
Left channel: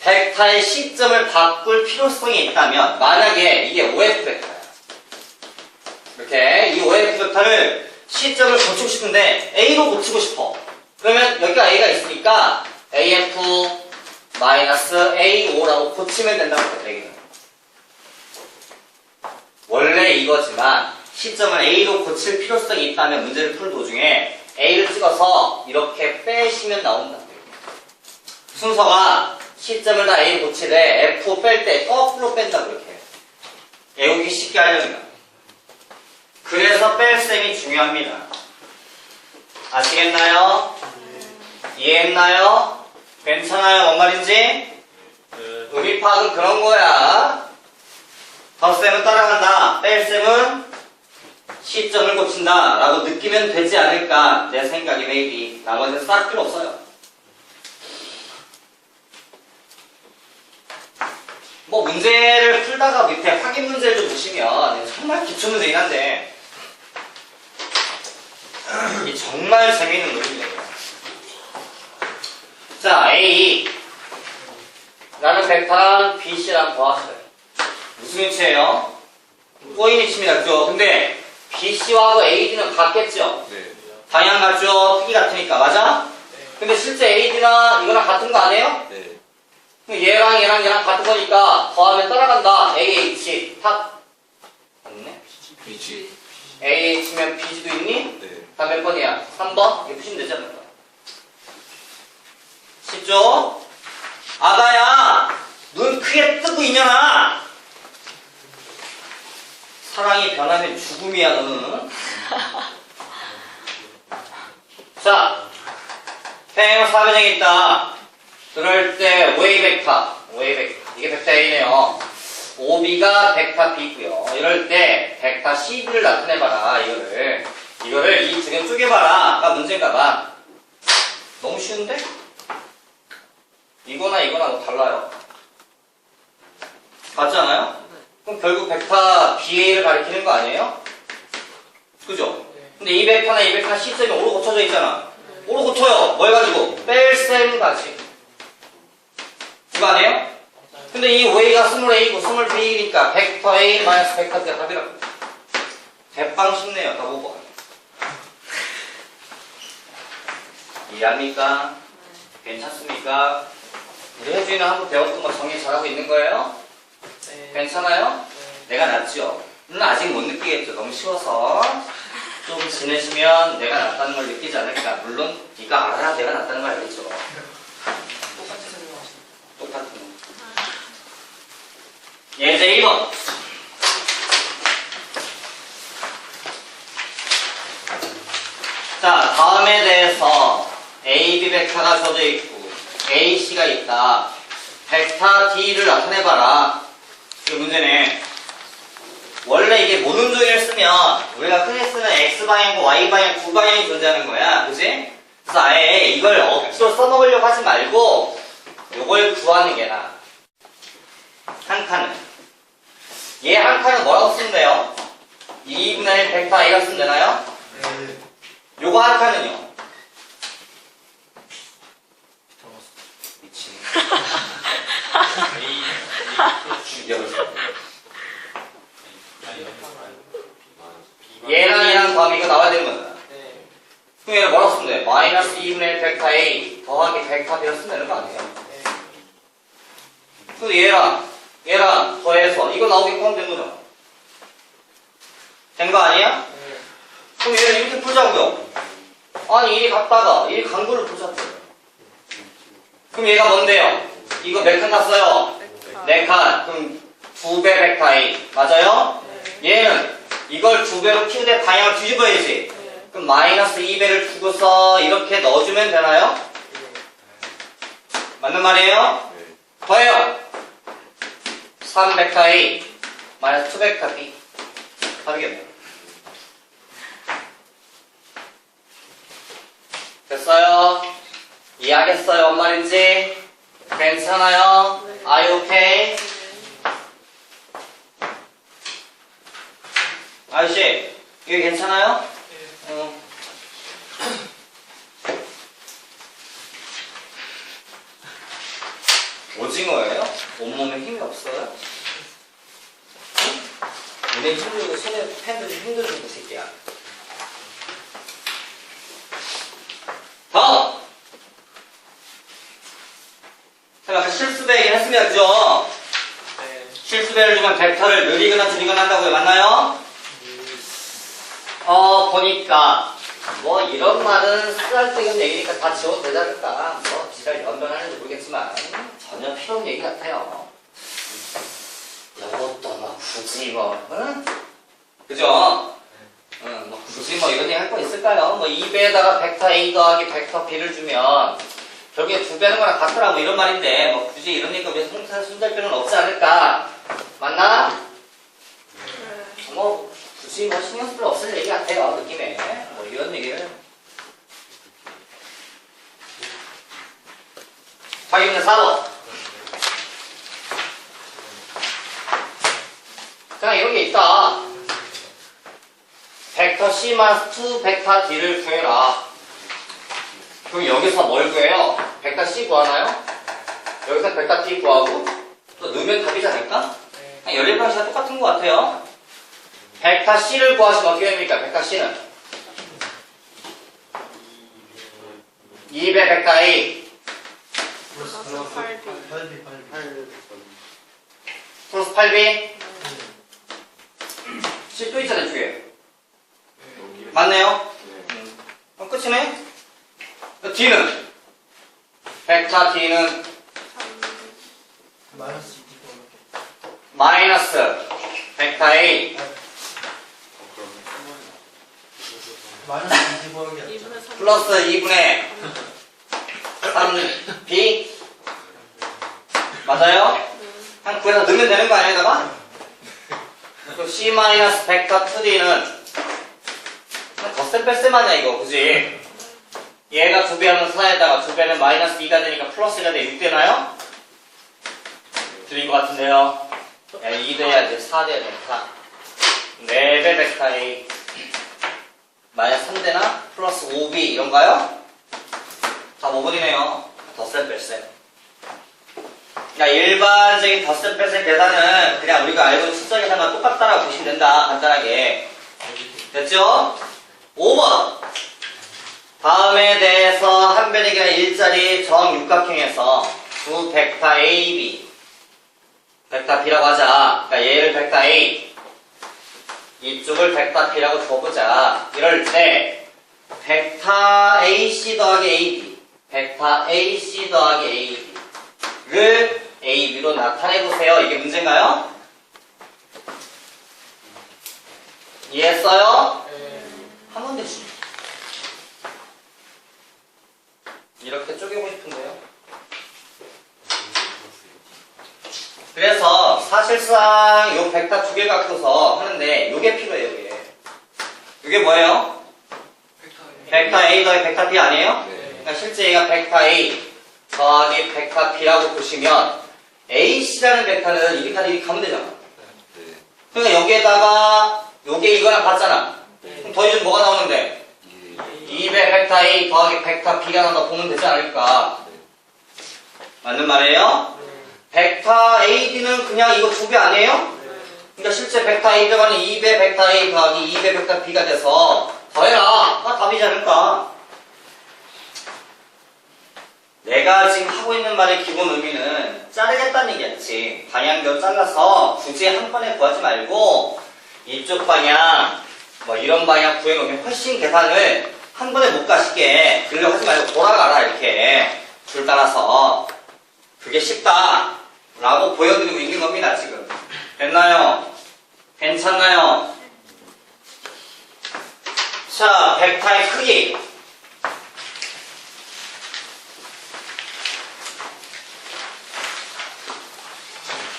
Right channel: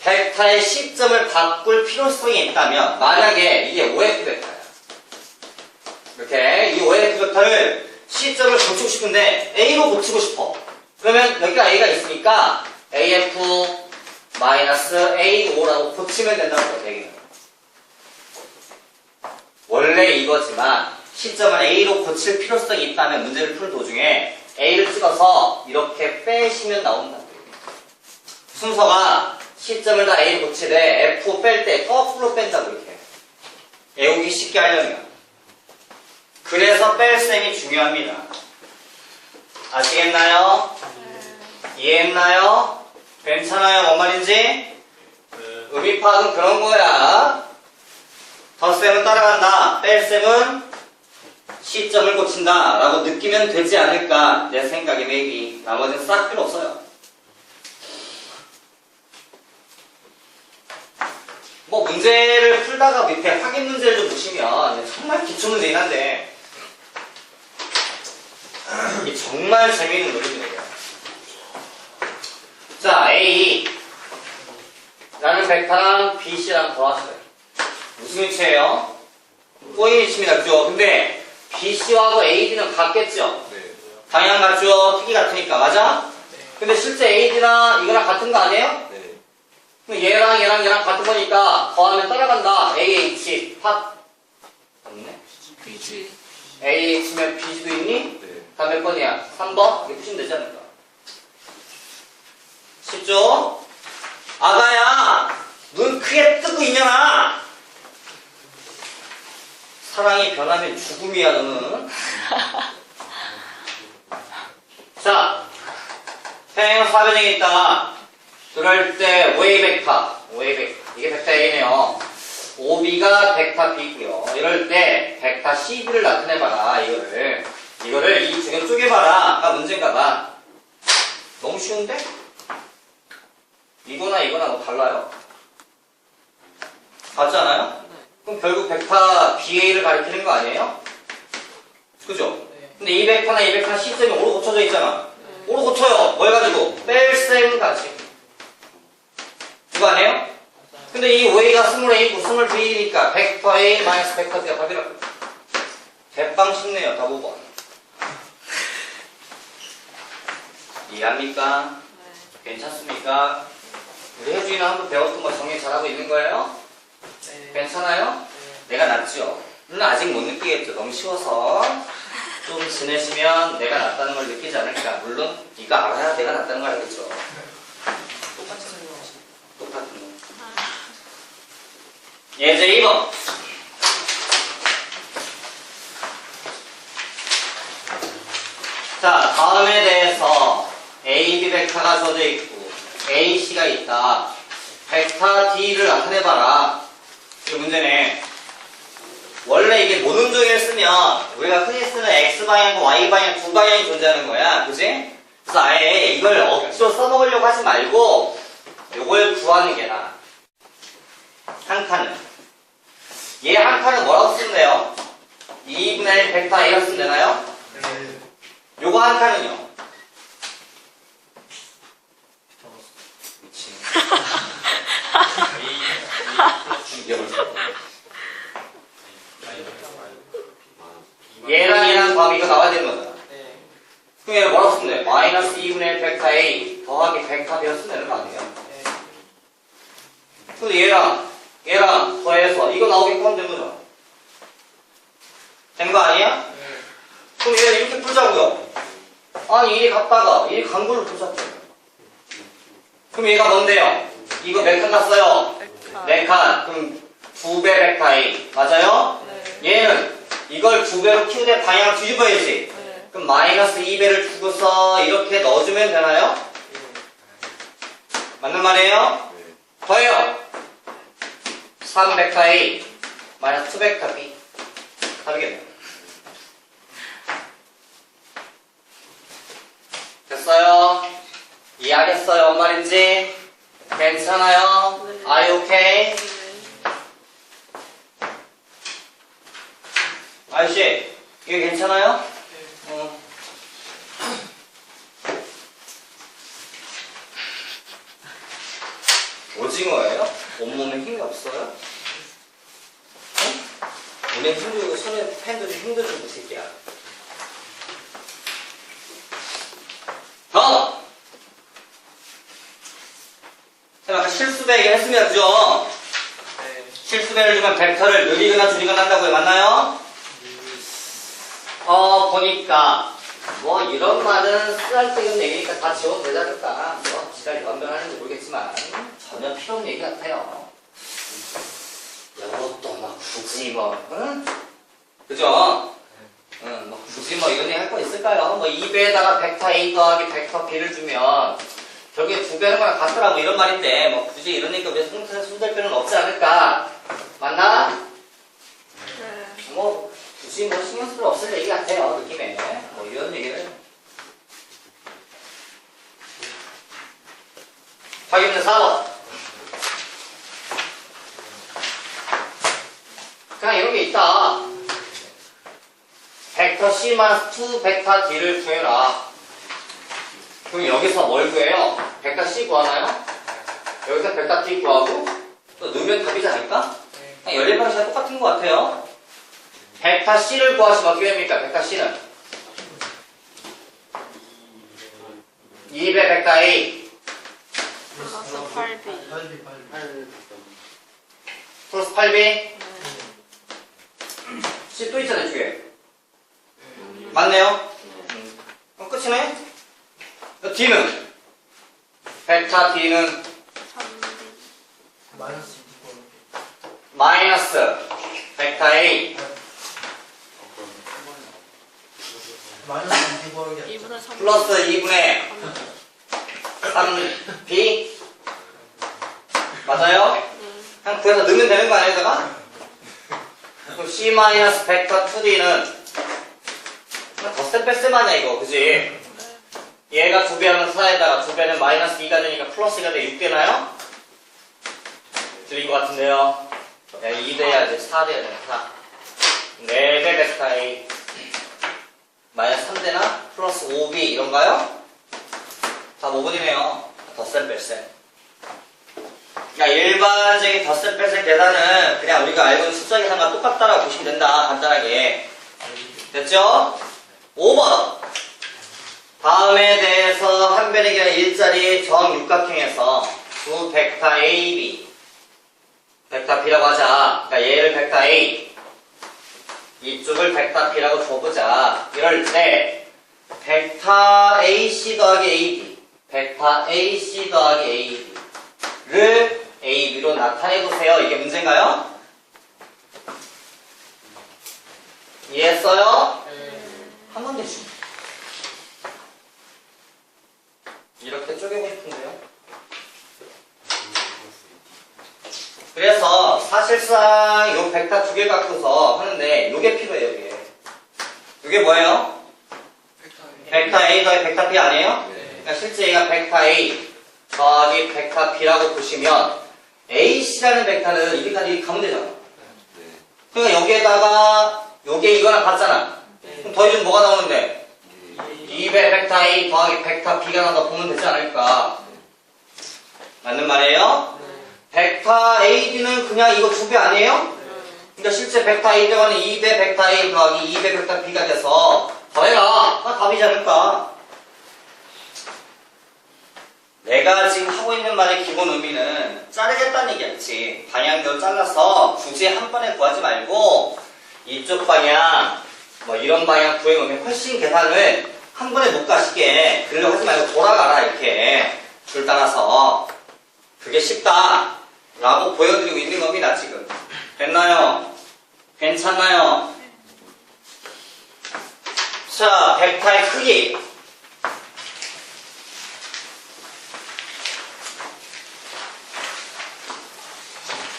벡터의 시점을 바꿀 필요성이 있다면 만약에 이게 OF 벡터야. 이렇게 이 OF 벡터를 시점을 고치고 싶은데 A로 고치고 싶어. 그러면 여기가 A가 있으니까 AF-A5라고 고치면 된다고 해요. 원래 이거지만 시점을 A로 고칠 필요성이 있다면 문제를 푸는 도중에 A를 찍어서 이렇게 빼시면 나온다고 해요. 순서가 시점을 다 A로 고치되 F 뺄 때 거꾸로 뺀다고 이렇게 외우기 쉽게 하려면. 그래서 뺄셈이 중요합니다. 아시겠나요? 이해했나요? 괜찮아요? 뭔 말인지? 의미 파악은 그런 거야. 덧셈은 따라간다. 뺄셈은 시점을 고친다 라고 느끼면 되지 않을까 내 생각이 maybe. 나머지는 싹 필요 없어요. 뭐 문제를 풀다가 밑에 확인 문제를 좀 보시면 정말 기초 문제긴 한데 이게 정말 재미있는 논리예요. 자, A 라는 벡터랑 BC랑 더하시래요. 무슨 위치예요? 꼬인 위치입니다. 그죠? 근데 BC하고 AD는 같겠죠? 네. 방향 같죠? 크기 같으니까. 맞아? 근데 실제 AD나 이거랑 같은 거 아니에요? 네. 그럼 얘랑 같은 거니까 더하면 따라간다. AH 탑 없네? BG. AH면 BG도 있니? 네. 다 몇 번이야? 3번? 이렇게 푸시면 되지 않을까? 쉽죠? 아가야 눈 크게 뜨고 있냐나. 사랑이 변하면 죽음이야 너는. 자, 평행 사변형이 있다. 그럴 때 OA 벡터 이게 벡터 A네요. OB가 벡터 B고요. 이럴 때 벡터 CB를 나타내봐라. 이거를 이 두 개 쪼개봐라. 가 문제인가봐. 너무 쉬운데? 이거나 뭐 달라요? 같지 않아요? 그럼 결국 벡터 BA를 가리키는 거 아니에요? 그죠? 근데 이 벡터나 이 벡터 시점이 오로 고쳐져 있잖아. 오로 고쳐요. 뭘 가지고? 뺄셈 가지고. 그거 아니에요? 근데 이 OA가 스몰 A고 스몰 B니까 벡터 A 마이너스 벡터 B가 답이라고. 대빵 쉽네요. 답 5번. 이해합니까? 괜찮습니까? 우리 혜준이는 한번 배웠던 거 정리 잘하고 있는 거예요? 네. 괜찮아요? 내가 낫죠? 물론 아직 못 느끼겠죠. 너무 쉬워서 좀 지내시면 내가 낫다는 걸 느끼지 않을까. 물론 이거 알아야 내가 낫다는 걸 알겠죠. 똑같은 거. 예제 2번. 자, 다음에 대해서 AB 벡터가 져져 있고 AC가 있다. 벡터 D를 나타내봐라. 이 문제네. 원래 이게 모눈종이를 쓰면 우리가 흔히 쓰는 X방향과 Y방향 두 방향이 존재하는 거야. 그치? 그래서 아예 이걸 억지로 써먹으려고 하지 말고 요걸 구하는 게 나아. 한 칸은. 얘 한 칸은 뭐라고 쓰면 돼요? 2분의 1 벡터 A라고 쓰면 되나요? 네. 요거 한 칸은요? 미친. 얘랑 더하면 이거 나와야 되는 거잖아. 네. 그럼 얘를 뭐라고 쓰면 돼? 마이너스 2분의 1 벡터 A 더하기 벡터 B를 쓰면 되는 거 아니에요? 네. 그래서 얘랑 더해서 이거 나오게끔 하면 되는 거죠. 된 거 아니야? 네. 그럼 얘를 이렇게 풀자고요. 아니 이리 갔다가 이리 간 걸로 풀자고. 그럼 얘가 뭔데요? 이거 몇 칸 갔어요? 4칸. 그럼 2배 벡터 A 맞아요? 네. 얘는 이걸 2배로 키우되 방향을 뒤집어야지. 네. 그럼 마이너스 2배를 주고서 이렇게 넣어주면 되나요? 맞는 말이에요? 네. 더해요. 3 벡터 A 마이너스 2 벡터 B. 답이겠네요. 됐어요? 이해하겠어요? 뭔 말인지? 괜찮아요? Are you okay? 아저씨, 이거 괜찮아요? 오징어예요? 온몸에 힘이 없어요? 눈에 힘들고 손에 펜도 좀 힘들고 그 새끼야. 다음! 그럼 아까 실수배기 했으면죠? 실수배를 주면 벡터를 늘리거나 줄이거나 한다고요. 맞나요? 보니까 뭐 이런 말은 쓰잘데없는 얘기니까 다 지워도 되지 않을까. 뭐 지랄 연변하는지 모르겠지만 전혀 필요 없는 얘기 같아요. 이것도 뭐 굳이 뭐 응? 그죠? 응, 뭐 굳이 뭐 이런 얘기 할 거 있을까요? 뭐 2배에다가 벡터 A 더하기 벡터 B를 주면 결국에 2배는 거랑 같더라 뭐 이런 말인데 뭐 굳이 이런 얘기가 왜 손댈 필요는 없지 않을까? 맞나? 뭐 굳이 뭐 신경 쓸 필요 없을 얘기 같아요 느낌에. 뭐 이런 얘기를 확인은 4번. 그냥 이런 게 있다. 벡터 C 마이너스 2 벡터 D를 구해라. 그럼 여기서 뭘 구해요? 벡터 C 구하나요? 여기서 벡터 D 구하고 또 넣으면 답이지 않을까? 그냥 열린 방식이랑 똑같은 것 같아요. 벡터 C를 구하시면 어떻게 됩니까? 벡터 C는 2배 벡터 A 플러스 8B C 또 있잖아요 뒤에. 맞네요? 끝이네? D는? 벡터 D는 마이너스 벡터 A 플러스 2분의 3B 맞아요? 한 9에서 넣으면 되는 거 아니에요, 여기다가? 그럼 C 마이너스 벡터 2D는 덧셈 뺄셈 하냐 이거 그지? 얘가 2배 하면 4에다가 2배는 마이너스 2가 되니까 플러스 1가 돼 6 되나요? 들린 것 같은데요. 야 2 돼야지 4 돼야 돼 4. 4배 벡터 A 마이너스 3 되나? 플러스 5B 이런가요? 다 5분이네요. 덧셈 뺄셈. 그러니까 일반적인 덧셈 뺄셈 계산은 그냥 우리가 알고 있는 숫자 계산과 똑같다라고 보시면 된다. 간단하게. 됐죠? 5번. 다음에 대해서 한 변의 아니라 일자리 정육각형에서 두 벡터 A, B 벡터 B라고 하자. 그러니까 얘를 벡터 A 이쪽을 벡터 B라고 줘보자. 이럴 때 벡터 AC 더하기 AB 벡터 AC 더하기 AB를 AB로 나타내보세요. 이게 문제인가요? 이해했어요? 하면 되지. 이렇게 쪼개고 싶은데요. 그래서 사실상 요 벡터 두 개 갖고서 하는데 요게 필요해요. 요게 뭐예요? 벡터 A 더하기 벡터 B 아니에요? 그러니까 실제 얘가 벡터 A 더하기 벡터 B라고 보시면 AC라는 벡터는 이렇게 가면 되잖아. 그러니까 여기에다가 요게 이거랑 같잖아. 그럼 더해주면 뭐가 나오는데? 2배 벡터 A 더하기 벡터 B가 나온다 보면 되지 않을까? 맞는 말이에요? 벡터 AB는 그냥 이거 2배 아니에요? 그러니까 실제 벡터 A 들어가는 2배 벡터 A 더하기 2배 벡터 B가 돼서 더해라. 답이지 않을까? 내가 지금 하고 있는 말의 기본 의미는 자르겠다는 얘기였지. 방향대로 잘라서 굳이 한 번에 구하지 말고 이쪽 방향, 뭐 이런 방향 구해놓으면 훨씬 계산을 한 번에 못 가시게 그러려고 하지 말고 돌아가라 이렇게 줄 따라서 그게 쉽다 라고 보여드리고 있는 겁니다 지금. 됐나요? 괜찮나요? 자, 벡터의 크기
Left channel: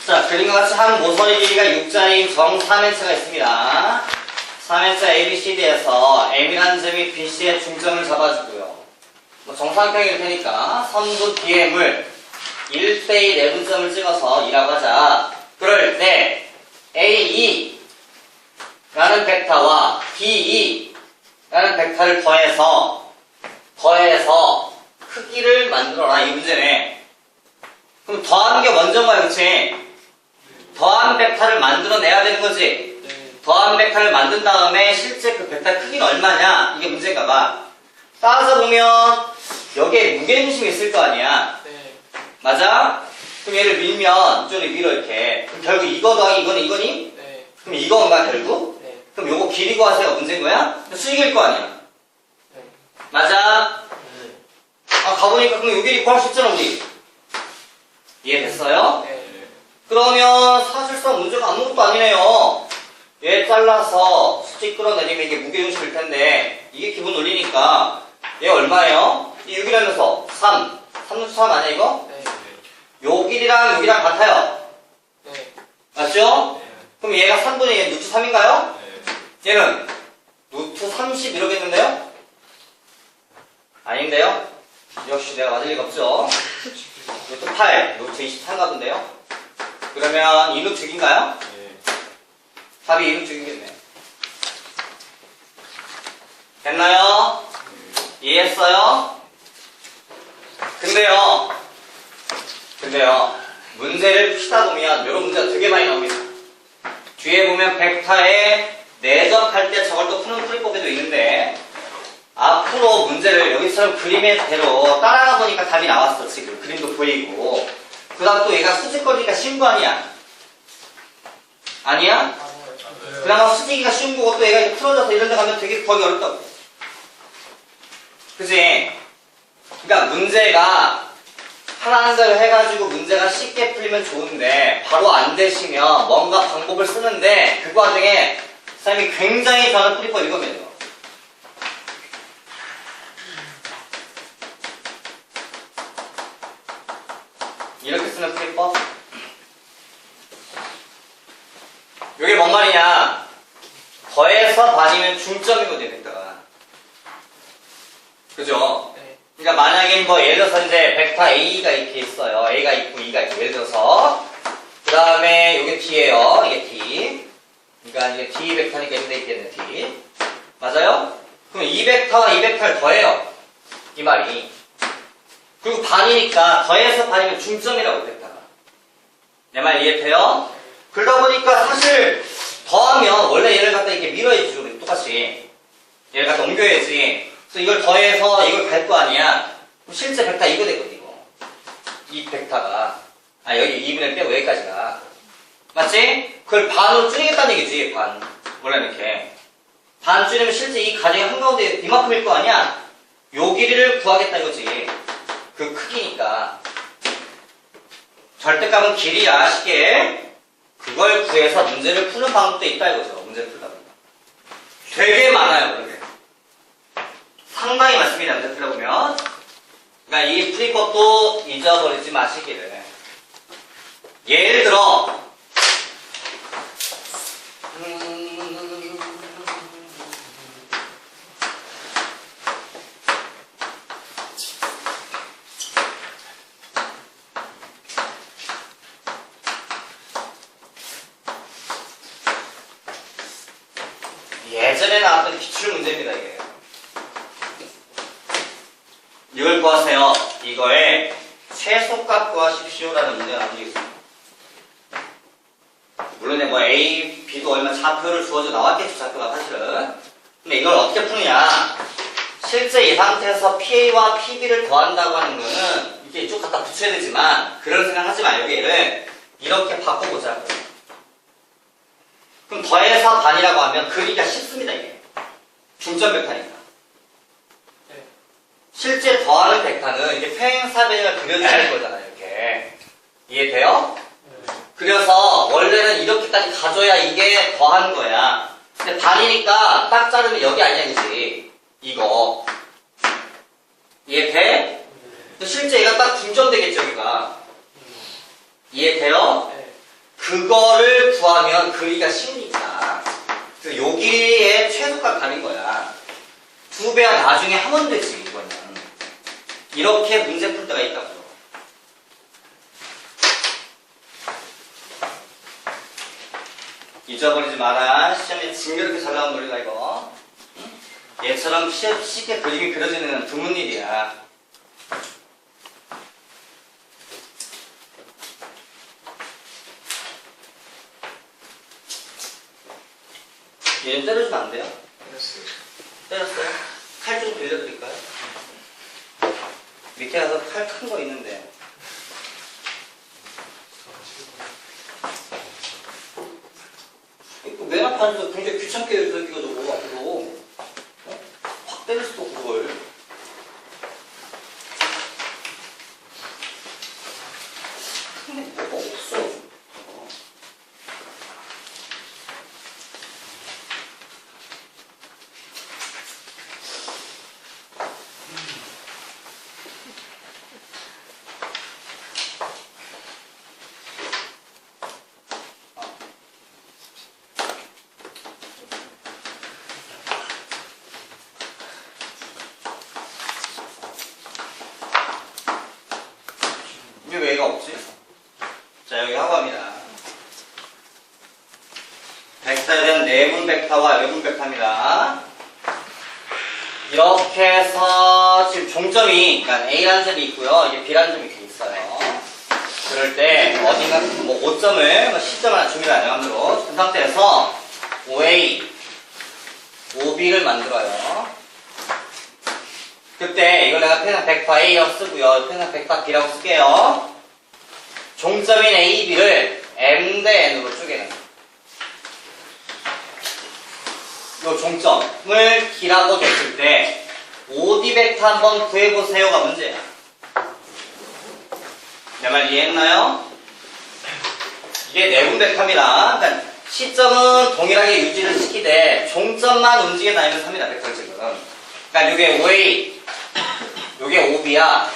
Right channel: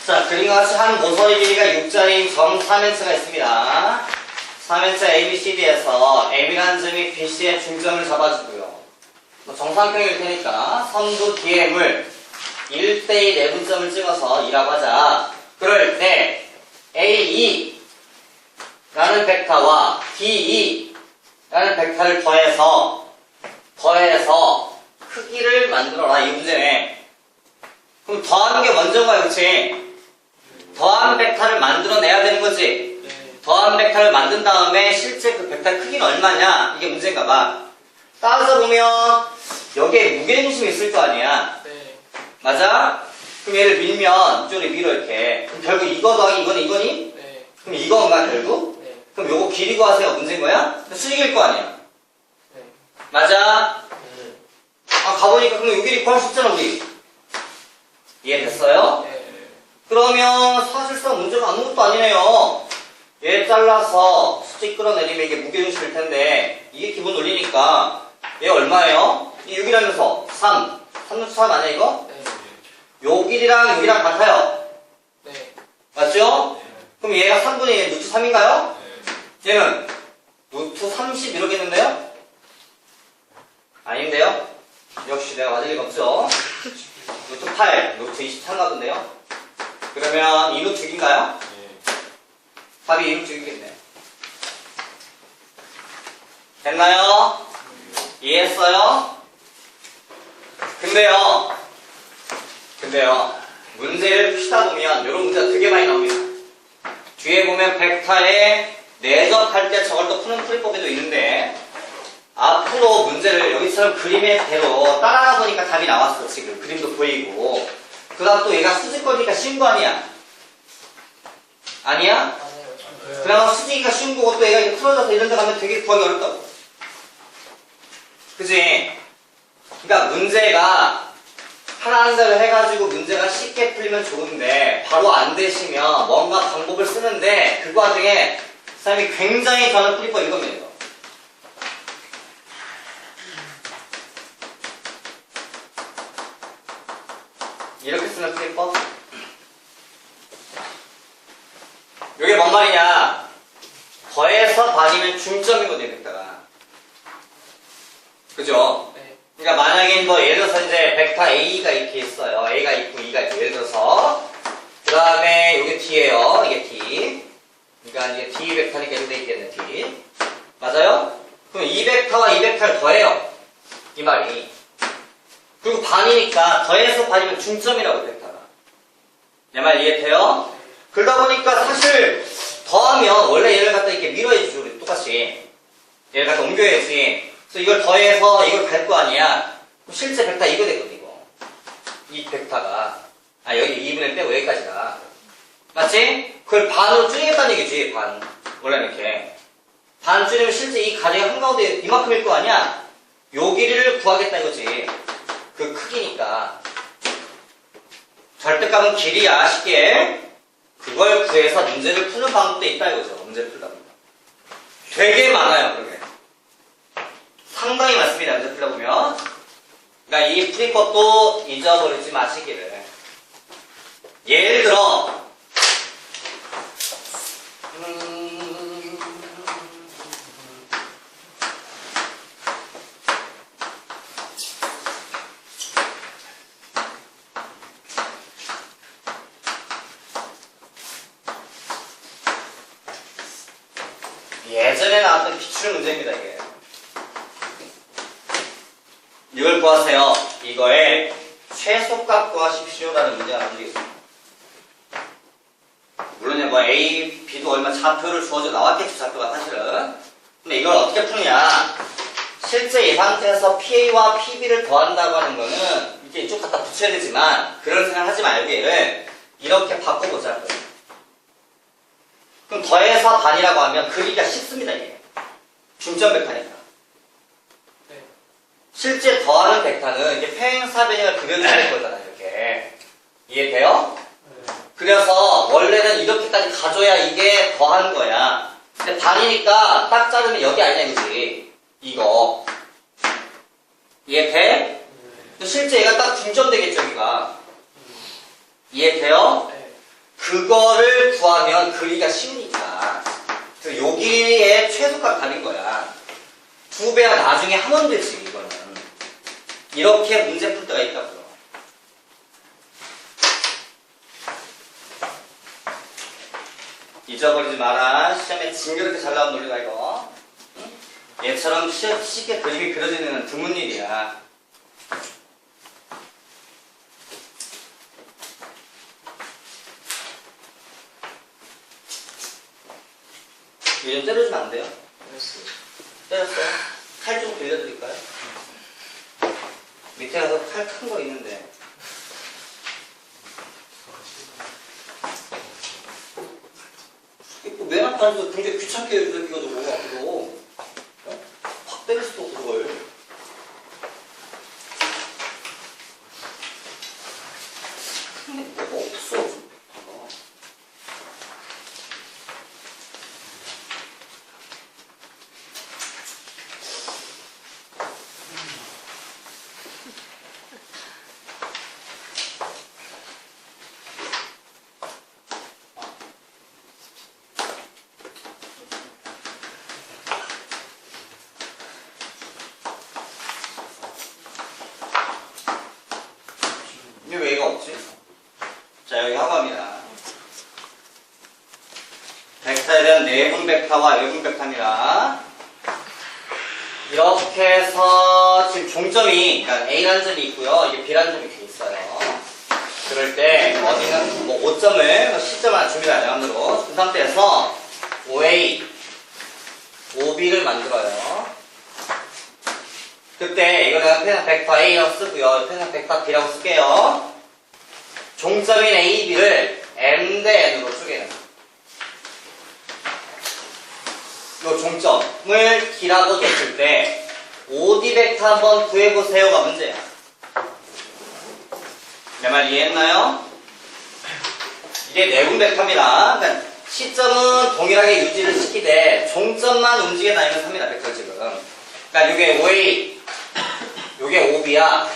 자, 그림과 같이 한 모서리 길이가 6자리인 점 3n가 있습니다. 3n자 ABCD에서 M이라는 점이 BC의 중점을 잡아주고요. 뭐 정사각형일 테니까 선두 DM을 1대1 내분점을 찍어서 2라고 하자. 그럴 때 AE 라는 벡터와 DE 라는 벡터를 더해서 크기를 만들어라 이 문제네. 그럼 더하는 게 먼저인 거야, 그치? 더한 벡터를 만들어내야 되는 거지. 더한 벡터를 만든 다음에 실제 그 벡터의 크기는 얼마냐 이게 문제인가 봐. 따라서 보면 여기에 무게중심이 있을 거 아니야. 맞아? 그럼 얘를 밀면 이쪽으로 밀어 이렇게. 그럼 결국 이거 더하기 이거는 이거니? 그럼 이건가 결국? 그럼 요거 길이 구하세요 문제인 거야? 수직일 거 아니야. 맞아? 아 가보니까 그럼 요 길이 구할 수 있잖아 우리. 이해됐어요? 그러면 사실상 문제가 아무것도 아니네요. 얘 잘라서 수직 끌어내리면 이게 무게중심일 텐데 이게 기본 논리니까 얘 얼마예요? 이 6이라면서 3 3루트 3 아니야 이거? 요 길이랑 요 길이랑 같아요. 맞죠? 그럼 얘가 3분의 1 루트 3인가요? 얘는 루트 30 이러겠는데요? 아닌데요? 역시 내가 맞을 리가 없죠. 루트 8 루트 23가 본데요? 그러면 2루트 6인가요? 답이 2루트 6이겠네요. 됐나요? 이해했어요? 근데요 문제를 푸시다 보면 이런 문제가 되게 많이 나옵니다. 뒤에 보면 벡터에 내적할 때 저걸 또 푸는 풀이법에도 있는데 앞으로 문제를 여기처럼 그림의 대로 따라가 보니까 답이 나왔어. 지금 그림도 보이고 그 다음 또 얘가 수직거리니까 쉬운 거 아니야? 아니야? 그나마 수직이가 쉬운 거고 또 얘가 이렇게 틀어져서 이런 데 가면 되게 구하기 어렵다고. 그치? 그러니까 문제가 하나하나 해가지고 문제가 쉽게 풀리면 좋은데 바로 안 되시면 뭔가 방법을 쓰는데 그 과정에 선생님이 굉장히 저는 풀이법 이겁니다. 이렇게 쓰는 풀이법? 이게 뭔 말이냐? 더해서 반이면 중점이거든요, 벡터가. 그죠? 그러니까 만약에 뭐 예를 들어서 이제 벡터 A가 이렇게 있어요. A가 있고 E가 있고 예를 들어서 그 다음에 이게 D예요. 이게 D. 그러니까 이제 D 벡터니까 이렇게 있겠네, D. 맞아요? 그럼 이 벡터와 이 벡터를 더해요. 이 말이. 그리고 반이니까 더해서 반이면 중점이라고 벡터가. 내 말 이해돼요? 그러다 보니까 사실 더하면 원래 얘를 갖다 이렇게 밀어야지 우리 똑같이. 얘를 갖다 옮겨야지. 그래서 이걸 더해서 이걸 갈 거 아니야. 그럼 실제 벡터 이거 되거든 이거. 이 벡터가. 아 여기 2분의 1 빼고 여기까지가. 맞지? 그걸 반으로 줄이겠다는 얘기지. 반. 원래 이렇게. 반 줄이면 실제 이 가정이 한가운데 이만큼일 거 아니야. 요 길이를 구하겠다 이거지. 그 크기니까. 절대값은 길이야 쉽게. 그걸 구해서 문제를 푸는 방법도 있다 이거죠. 문제를 풀다 보면. 되게 많아요. 그렇게. 상당히 많습니다. 문제 풀다 보면. 그러니까 이 풀이법도 잊어버리지 마시기를. 예를 들어 예전에 나왔던 기출문제입니다, 이게. 이걸 구하세요. 이거의 최소값 구하십시오라는 문제가 나오겠습니다. 물론 뭐 A, B도 얼마 좌표를 주어져 나왔겠죠, 좌표가 사실은. 근데 이걸 어떻게 푸느냐. 실제 이 상태에서 PA와 PB를 더한다고 하는 거는 이렇게 이쪽 갖다 붙여야 되지만 그런 생각 하지 말고 얘를 이렇게 바꿔보자. 그럼 더해서 반이라고 하면 그리기가 쉽습니다, 이게. 중점 벡터니까. 실제 더하는 벡터는 이게 평행사변형을 그려주는 거잖아요, 이렇게. 이해돼요? 그래서 원래는 이렇게까지 가져야 이게 더한 거야. 근데 반이니까 딱 자르면 여기 아니야, 그지? 이거. 이해돼? 실제 얘가 딱 중점되겠죠, 여기가. 이해돼요? 그리기가 쉬우니까. 그래서 여기에 최소값 다른 거야. 2배야 나중에 하면 되지, 이거는. 이렇게 문제 풀 때가 있다고요. 잊어버리지 마라. 시험에 징그럽게 잘 나온 논리가 이거. 얘처럼 쉽게 그림이 그려지는 드문 일이야. 얘 좀 때려주면 안 돼요? 때렸어요? 칼 좀 빌려드릴까요? 밑에 가서 칼 큰 거 있는데. 이거 맨 앞에 앉아서 굉장히 귀찮게 이렇게 저거 앞으로. 어? 확 때릴 수도 없고 그걸. 근데 뭐가 없어. 이게 왜 얘가 없지? 자, 여기 하고 합니다. 벡터에 대한 내분 벡터와 외분 벡터입니다. 이렇게 해서 지금 종점이, 그러니까 A라는 점이 있고요. 이게 B라는 점이 이렇게 있어요. 그럴 때 어딘가 뭐 5점을, C점 하나 줍니다. 양으로. 그 상태에서 OA, OB를 만들어요. 그때 이거 내가偏 벡터 A라고 쓰고요.偏벡터 B라고 쓸게요. 종점인 A, B를 M 대 N으로 쪼개는. 이 종점을 D라고 줬을 때 OD 벡터 한번 구해보세요가 문제야. 내 말 이해했나요? 이게 내분 벡터입니다. 그러니까 시점은 동일하게 유지를 시키되 종점만 움직여 다니면서 합니다. 벡터 지금. 그러니까 이게 OA, 요게 OB야.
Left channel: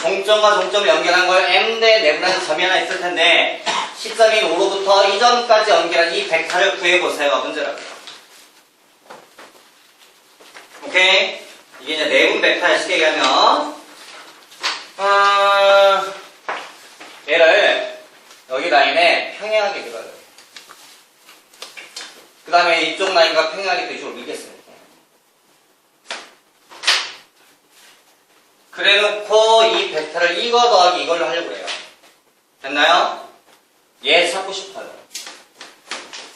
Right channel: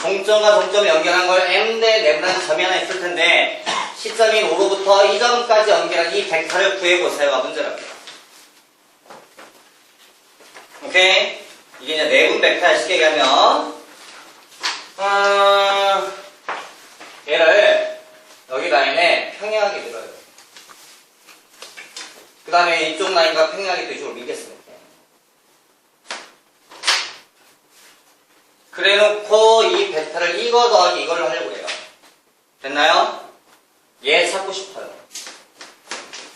종점과 종점을 연결한 걸 M 대 내분하는 점이 하나 있을 텐데 시점인 O로부터 이 점까지 연결한 이 벡터를 구해보세요가 문제라고요. 오케이? 이게 이제 내분 벡터의 쉽게 얘기하면 얘를 여기 라인에 평행하게 밀어요. 그 다음에 이쪽 라인과 평행하게 또 이쪽으로 밀겠습니다. 그래놓고 이 벡터를 이거 더하기 이걸로 하려고 해요. 됐나요? 얘 찾고 싶어요.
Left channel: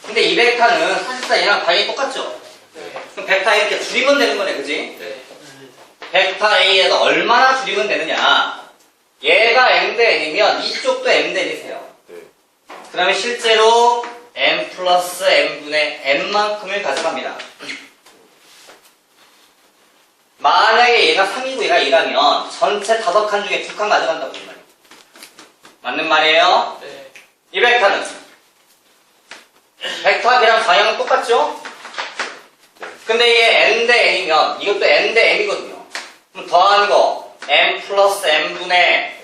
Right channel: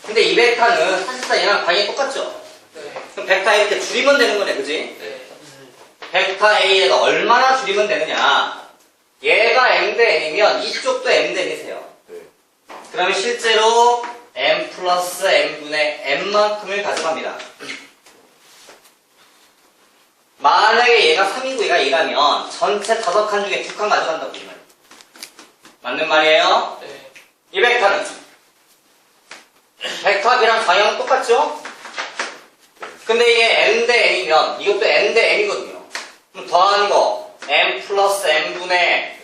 근데 이 벡터는 사실상 얘랑 방향이 똑같죠? 네. 그럼 벡터 A 이렇게 줄이면 되는 거네, 그지? 네. 벡터 A에서 얼마나 줄이면 되느냐? 얘가 M 대 N이면 이쪽도 M 대 N이세요. 네. 그러면 실제로 M 플러스 M분의 N만큼을 가져갑니다. 만약에 얘가 3이고 얘가 2라면 전체 5칸 중에 2칸 가져간다고 이 말이에요. 맞는 말이에요? 네. 이 벡터는 벡터 B랑 방향은 똑같죠? 근데 이게 N 대 N이면 이것도 N 대 M이거든요. 그럼 더한 거 M 플러스 M분의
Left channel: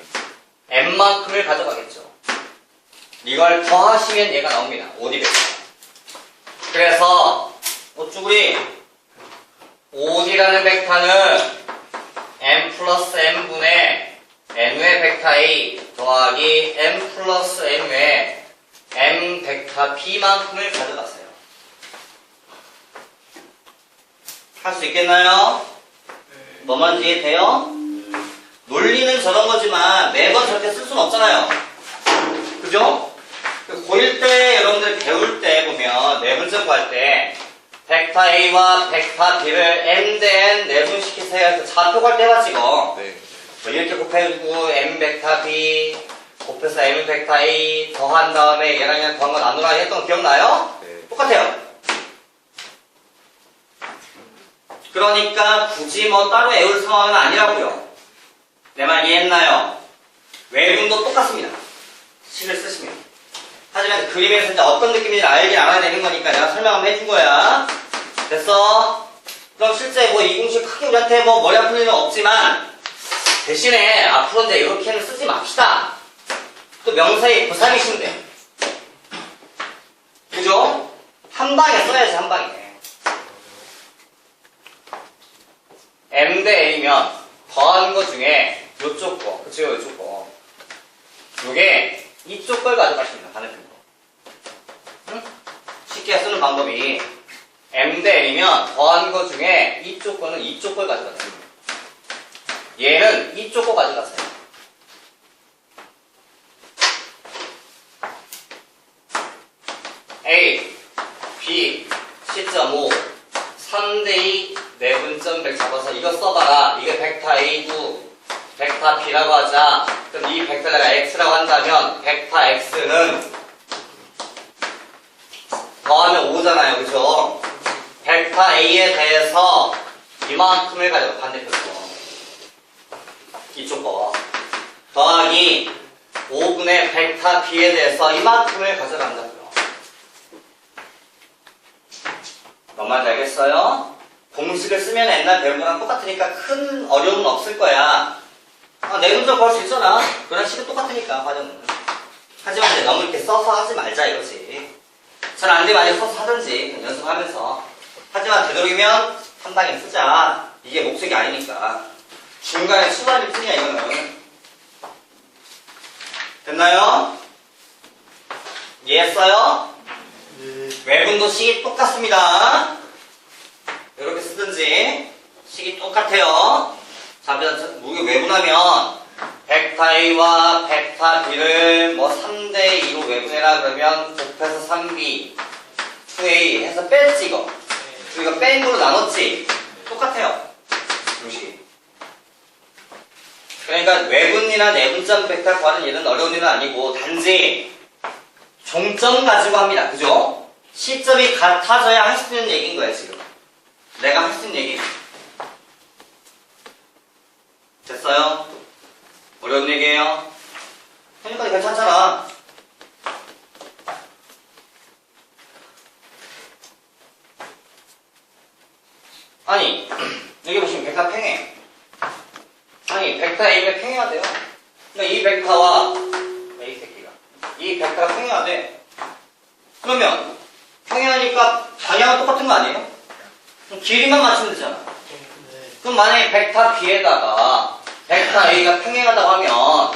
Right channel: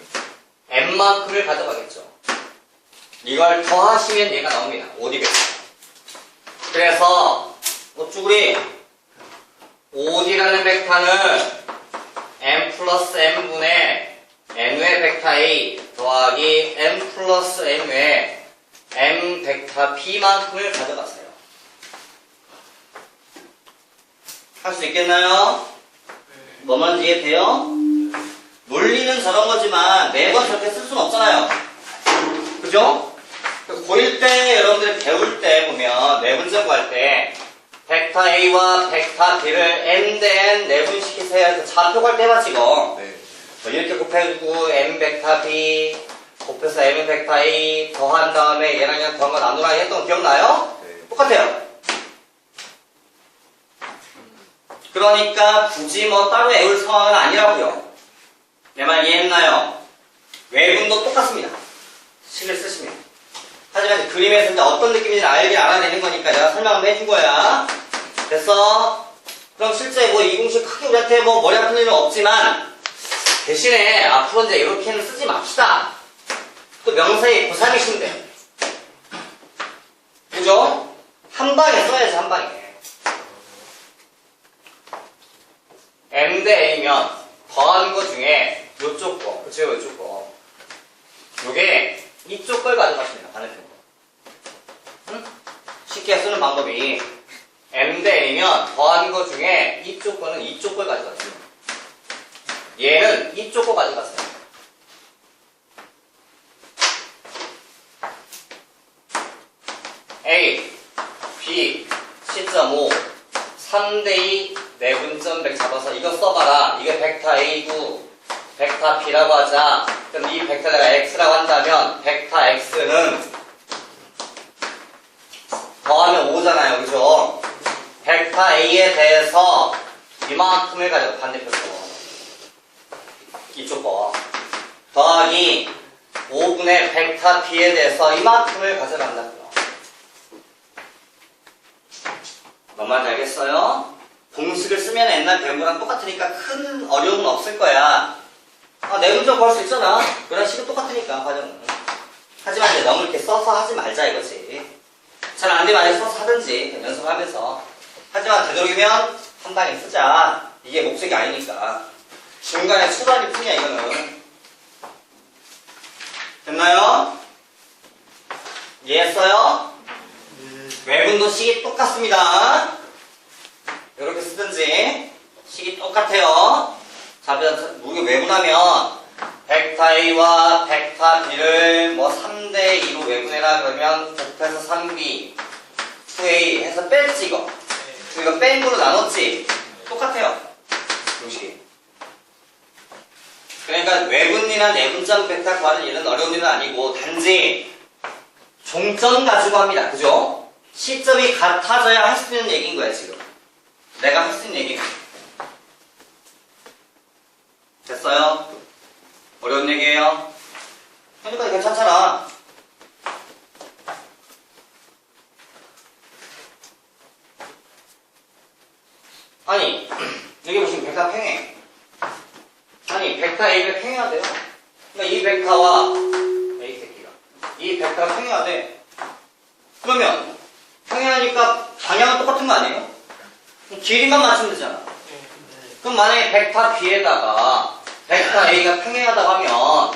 M만큼을 가져가겠죠. 이걸 더하시면 얘가 나옵니다. OD 벡터. 그래서 쭈구리 OD라는 벡터는 M 플러스 M분의 N의 벡터 A 더하기 M 플러스 N의 M 벡터 B만큼을 가져갔어요. 할 수 있겠나요? 뭐만 이해돼요? 논리는 저런 거지만 매번 저렇게 쓸 수는 없잖아요. 그죠? 고1 때 여러분들이 배울 때 보면 내분점 구할 때 벡터 A와 벡터 B를 M 대 N 내분시키세요 해서 좌표 갈 때 해봤지 이거. 네. 뭐 이렇게 곱해주고 M 벡터 B 곱해서 M 벡터 A 더한 다음에 얘랑 그냥 더한 거 나누라 했던 거 기억나요? 네. 똑같아요. 그러니까 굳이 뭐 따로 외울 상황은 아니라고요. 내 말 이해했나요? 외분도 똑같습니다. 심을 쓰시면. 하지만 그림에서 이제 어떤 느낌인지 알긴 알아야 되는 거니까 내가 설명 한번 해준 거야. 됐어? 그럼 실제 뭐 이 공식 크게 우리한테 뭐 머리 아픈 일은 없지만 대신에 앞으로 이제 이렇게는 쓰지 맙시다. 또 명사의 고3이신데 한 방에 써야지, 한 방에. M 대 A면 더한 거 중에 요쪽 거, 그쵸, 요쪽 거. 요게 이쪽 걸 가져갔습니다, 반대편 거. 응? 쉽게 쓰는 방법이 M 대 N이면 더한 거 중에 이쪽 거는 이쪽 걸 가져갔습니다. 얘는 이쪽 거 가져갔어요. A, B, C.5, 3대2 내분점100 잡아서 이거 써봐라. 이게 벡터 A고 벡터 B라고 하자. 그럼 이 벡터 내가 X라고 한다면 벡터 X는 더하면 5잖아요. 그죠? 벡터 A에 대해서 이만큼을 가지고 반대편 거. 이쪽 거. 더하기 5분의 벡터 B에 대해서 이만큼을 가져간다고요. 너만 알겠어요? 공식을 쓰면 옛날 배운 거랑 똑같으니까 큰 어려움은 없을 거야. 내분점 구할 수 있잖아. 그런 식은 똑같으니까, 과정은. 하지만 이제 너무 이렇게 써서 하지 말자 이거지. 잘 안 되면 아예 써서 하든지 연습하면서. 하지만 되도록이면 한 방에 쓰자. 이게 목적이 아니니까. 중간에 수반일 뿐이야 이거는. 됐나요? 이해했어요? 외분도 식이 똑같습니다. 이렇게 쓰든지 식이 똑같아요. 자, 우리가 외분하면 벡터 A와 벡터 B를 뭐 3대2로 외분해라 그러면 곱해서 3B 2A 해서 뺐지 이거. 이거 뺀 거로 나눴지. 똑같아요. 공식이. 그러니까 외분이나 내분점 벡터 구하는 일은 어려운 일은 아니고 단지 종점 가지고 합니다. 그죠? 시점이 같아져야 할 수 있는 얘기인 거야 지금. 내가 할 수 있는 얘기. 됐어요? 어려운 얘기예요? 그러니까 괜찮잖아. 아니 여기 보시면 벡터 팽해. 아니 벡터 A가 팽해야 돼요. 그러니까 이 벡터와 A 새끼가 이 벡터가 팽해야 돼. 그러면 평행하니까 방향은 똑같은 거 아니에요? 그럼 길이만 맞추면 되잖아. 그럼 만약에 벡터 B에다가 벡터 A가 평행하다고 하면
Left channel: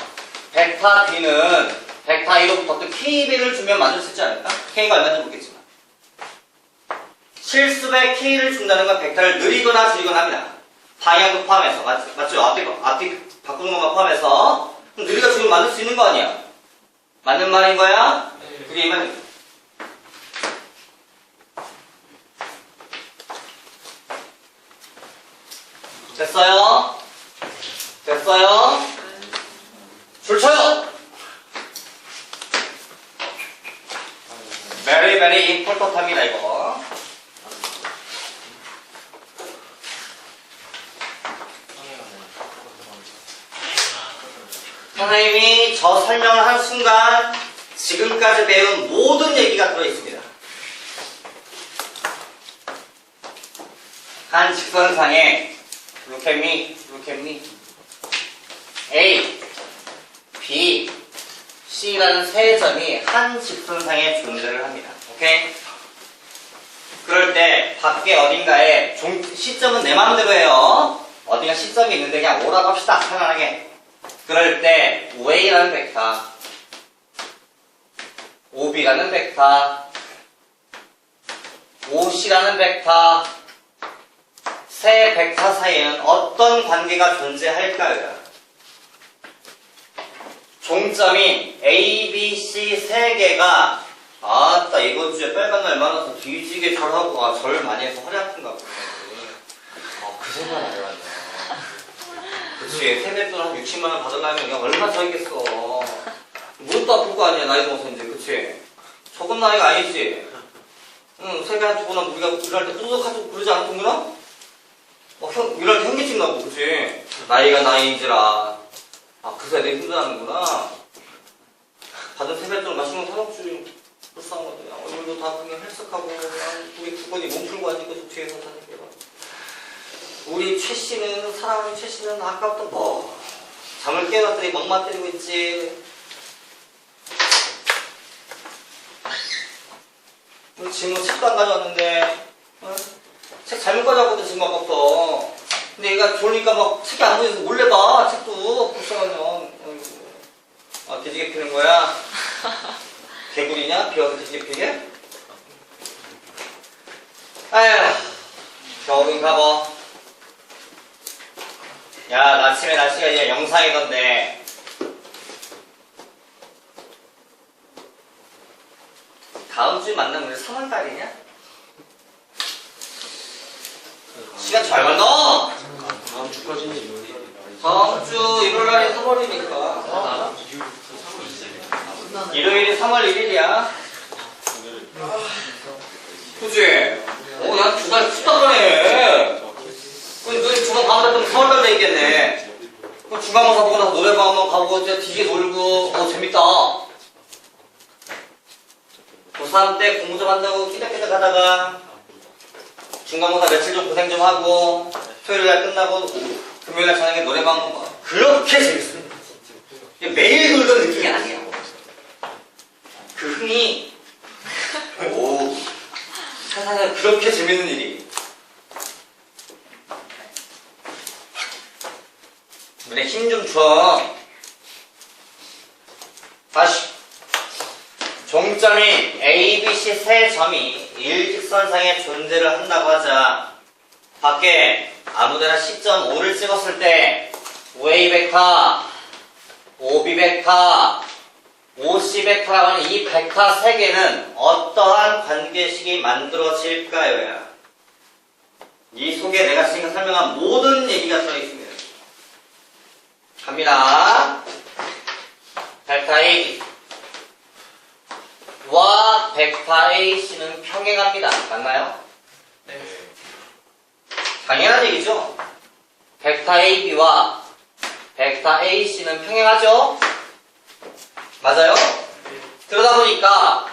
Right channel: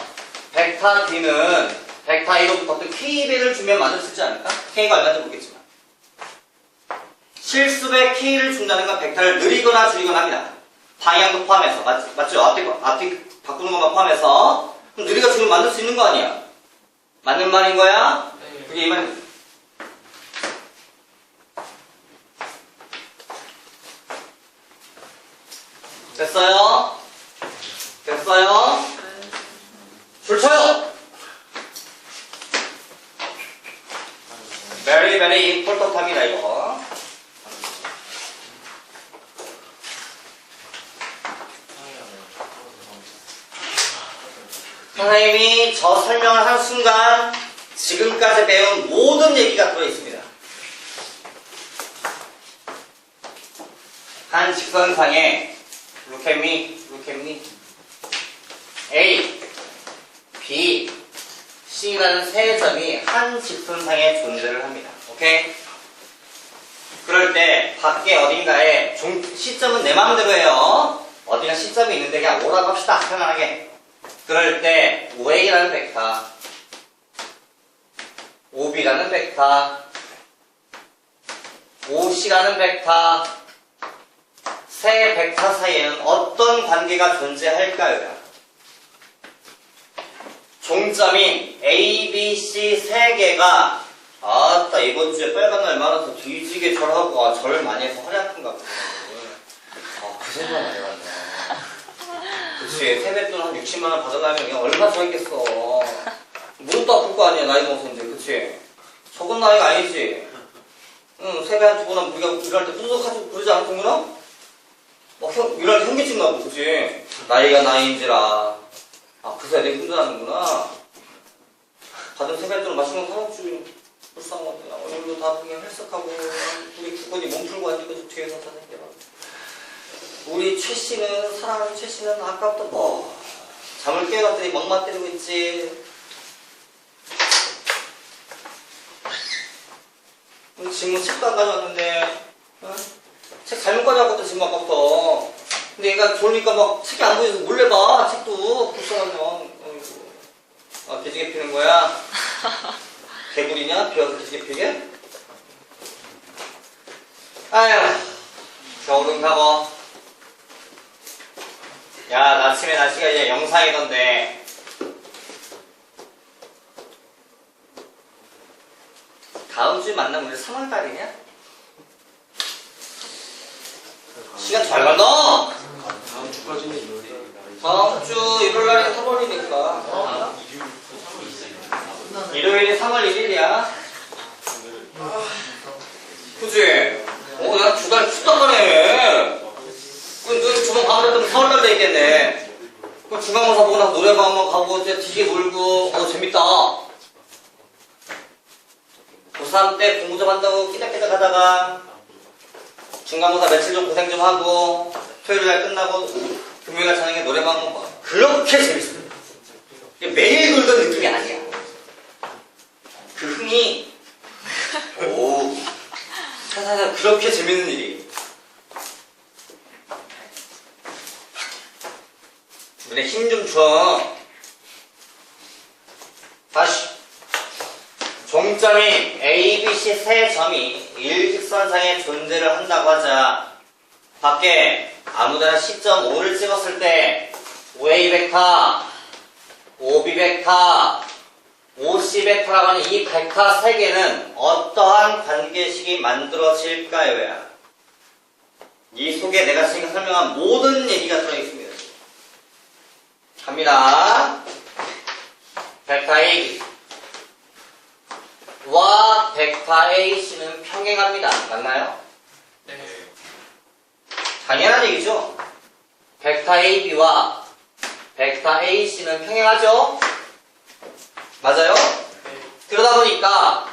벡터 B는 벡터 A로부터 어떤 K배를 주면 만들 수 있지 않을까? K가 얼마인지 모르겠지만 실수배 K를 준다는 건 벡터를 느리거나 줄이거나 합니다. 방향도 포함해서 맞죠? 앞뒤 바꾸는 것만 포함해서 그럼 느리가 줄이면 만들 수 있는 거 아니야? 맞는 말인 거야? 그게 이 말이야. 됐어요? 됐어요? 줄 쳐요! very very important합니다 이거. 선생님이 저 설명을 한 순간 지금까지 배운 모든 얘기가 들어있습니다. 한 직선상에 look at me, look at me. A, B, C라는 세 점이 한 직선상에 존재를 합니다. 오케이? 그럴 때 밖에 어딘가에 시점은 내 마음대로 해요. 어딘가 시점이 있는데 그냥 오라고 합시다. 편안하게. 그럴 때 OA라는 벡터, OB라는 벡터, OC라는 벡터 세 벡터 사이에는 어떤 관계가 존재할까요? 종점인 A, B, C 세 개가 아따 이번 주에 빨간 날 많아서 뒤지게 절하고 절 많이 해서 허리 아픈가 보네. 그 생각 안 해봤네. 그치 세뱃돈 한 60만 원 받아가면 그냥 얼마 저있겠어. 무릎도 아플 거 아니야 나이 먹어서 이제. 그치 적은 나이가 아니지. 응 세배 한 2번 우리가 일할 때 후두둑하고 부르지 않았던구나? 일할 때 현기증 나고. 그치 나이가 나이인지라 그새 내가 힘들어하는구나. 받은 세뱃돈 맛있는 거 사먹지. 불쌍한 건데 얼굴도 다 그냥 헬쓱하고 우리 구건이 몸 풀고 앉은 거지 뒤에서 다 생겨라. 우리 최 씨는 사랑하는 최 씨는 아까부터 뭐 잠을 깨웠더니 멍만 때리고 있지. 우리 지금 책도 안 가져왔는데, 어? 책 잘못 가져왔거든, 지금 아까부터. 근데 얘가 좋으니까 막 책이 안 보여서 몰래 봐, 책도. 불쌍한 형. 어이구. 아, 돼지개 피는 거야? 개구리냐? 비어서 돼지개 피게? 아휴, 겨울인가 봐. 야, 아침에 날씨가 이제 영상이던데. 다음 주에 만나면 우리 3월달이냐? 시간 잘 간다! 다음 주까지. 다음 주 일요일날이 3월이니까. 일요일이 3월 1일이야. 그치? 야, 두 달 춥단 말이야. 그 주간 방학 때면 4월달 돼 있겠네. 그럼 중간고사 보고 나서 노래방 한번 가보고, 이제 뒤에 놀고, 재밌다. 고3 때 공부 좀 한다고 끼적끼적 하다가, 중간고사 며칠 좀 고생 좀 하고, 토요일날 끝나고, 금요일날 저녁에 노래방 한번 가. 그렇게 재밌습니다. 이게 매일 놀던 느낌이 아니야. 그 흥이, 오, 세상에 그렇게 재밌는 일이. 눈에 힘 좀 줘. 다시. 종점이 A, B, C 세 점이 일직선상에 존재를 한다고 하자. 밖에 아무데나 시점 5를 찍었을 때 OA 벡터, OB 벡터, OC 벡터라고 하는 이 벡터 세 개는 어떠한 관계식이 만들어질까요? 야? 이 속에 내가 지금 설명한 모든 얘기가 들어있습니다. 갑니다. 벡터 A 와 벡터 AC는 평행합니다. 맞나요? 네. 당연한 얘기죠. 벡터 AB와 벡터 AC는 평행하죠? 맞아요? 그러다 보니까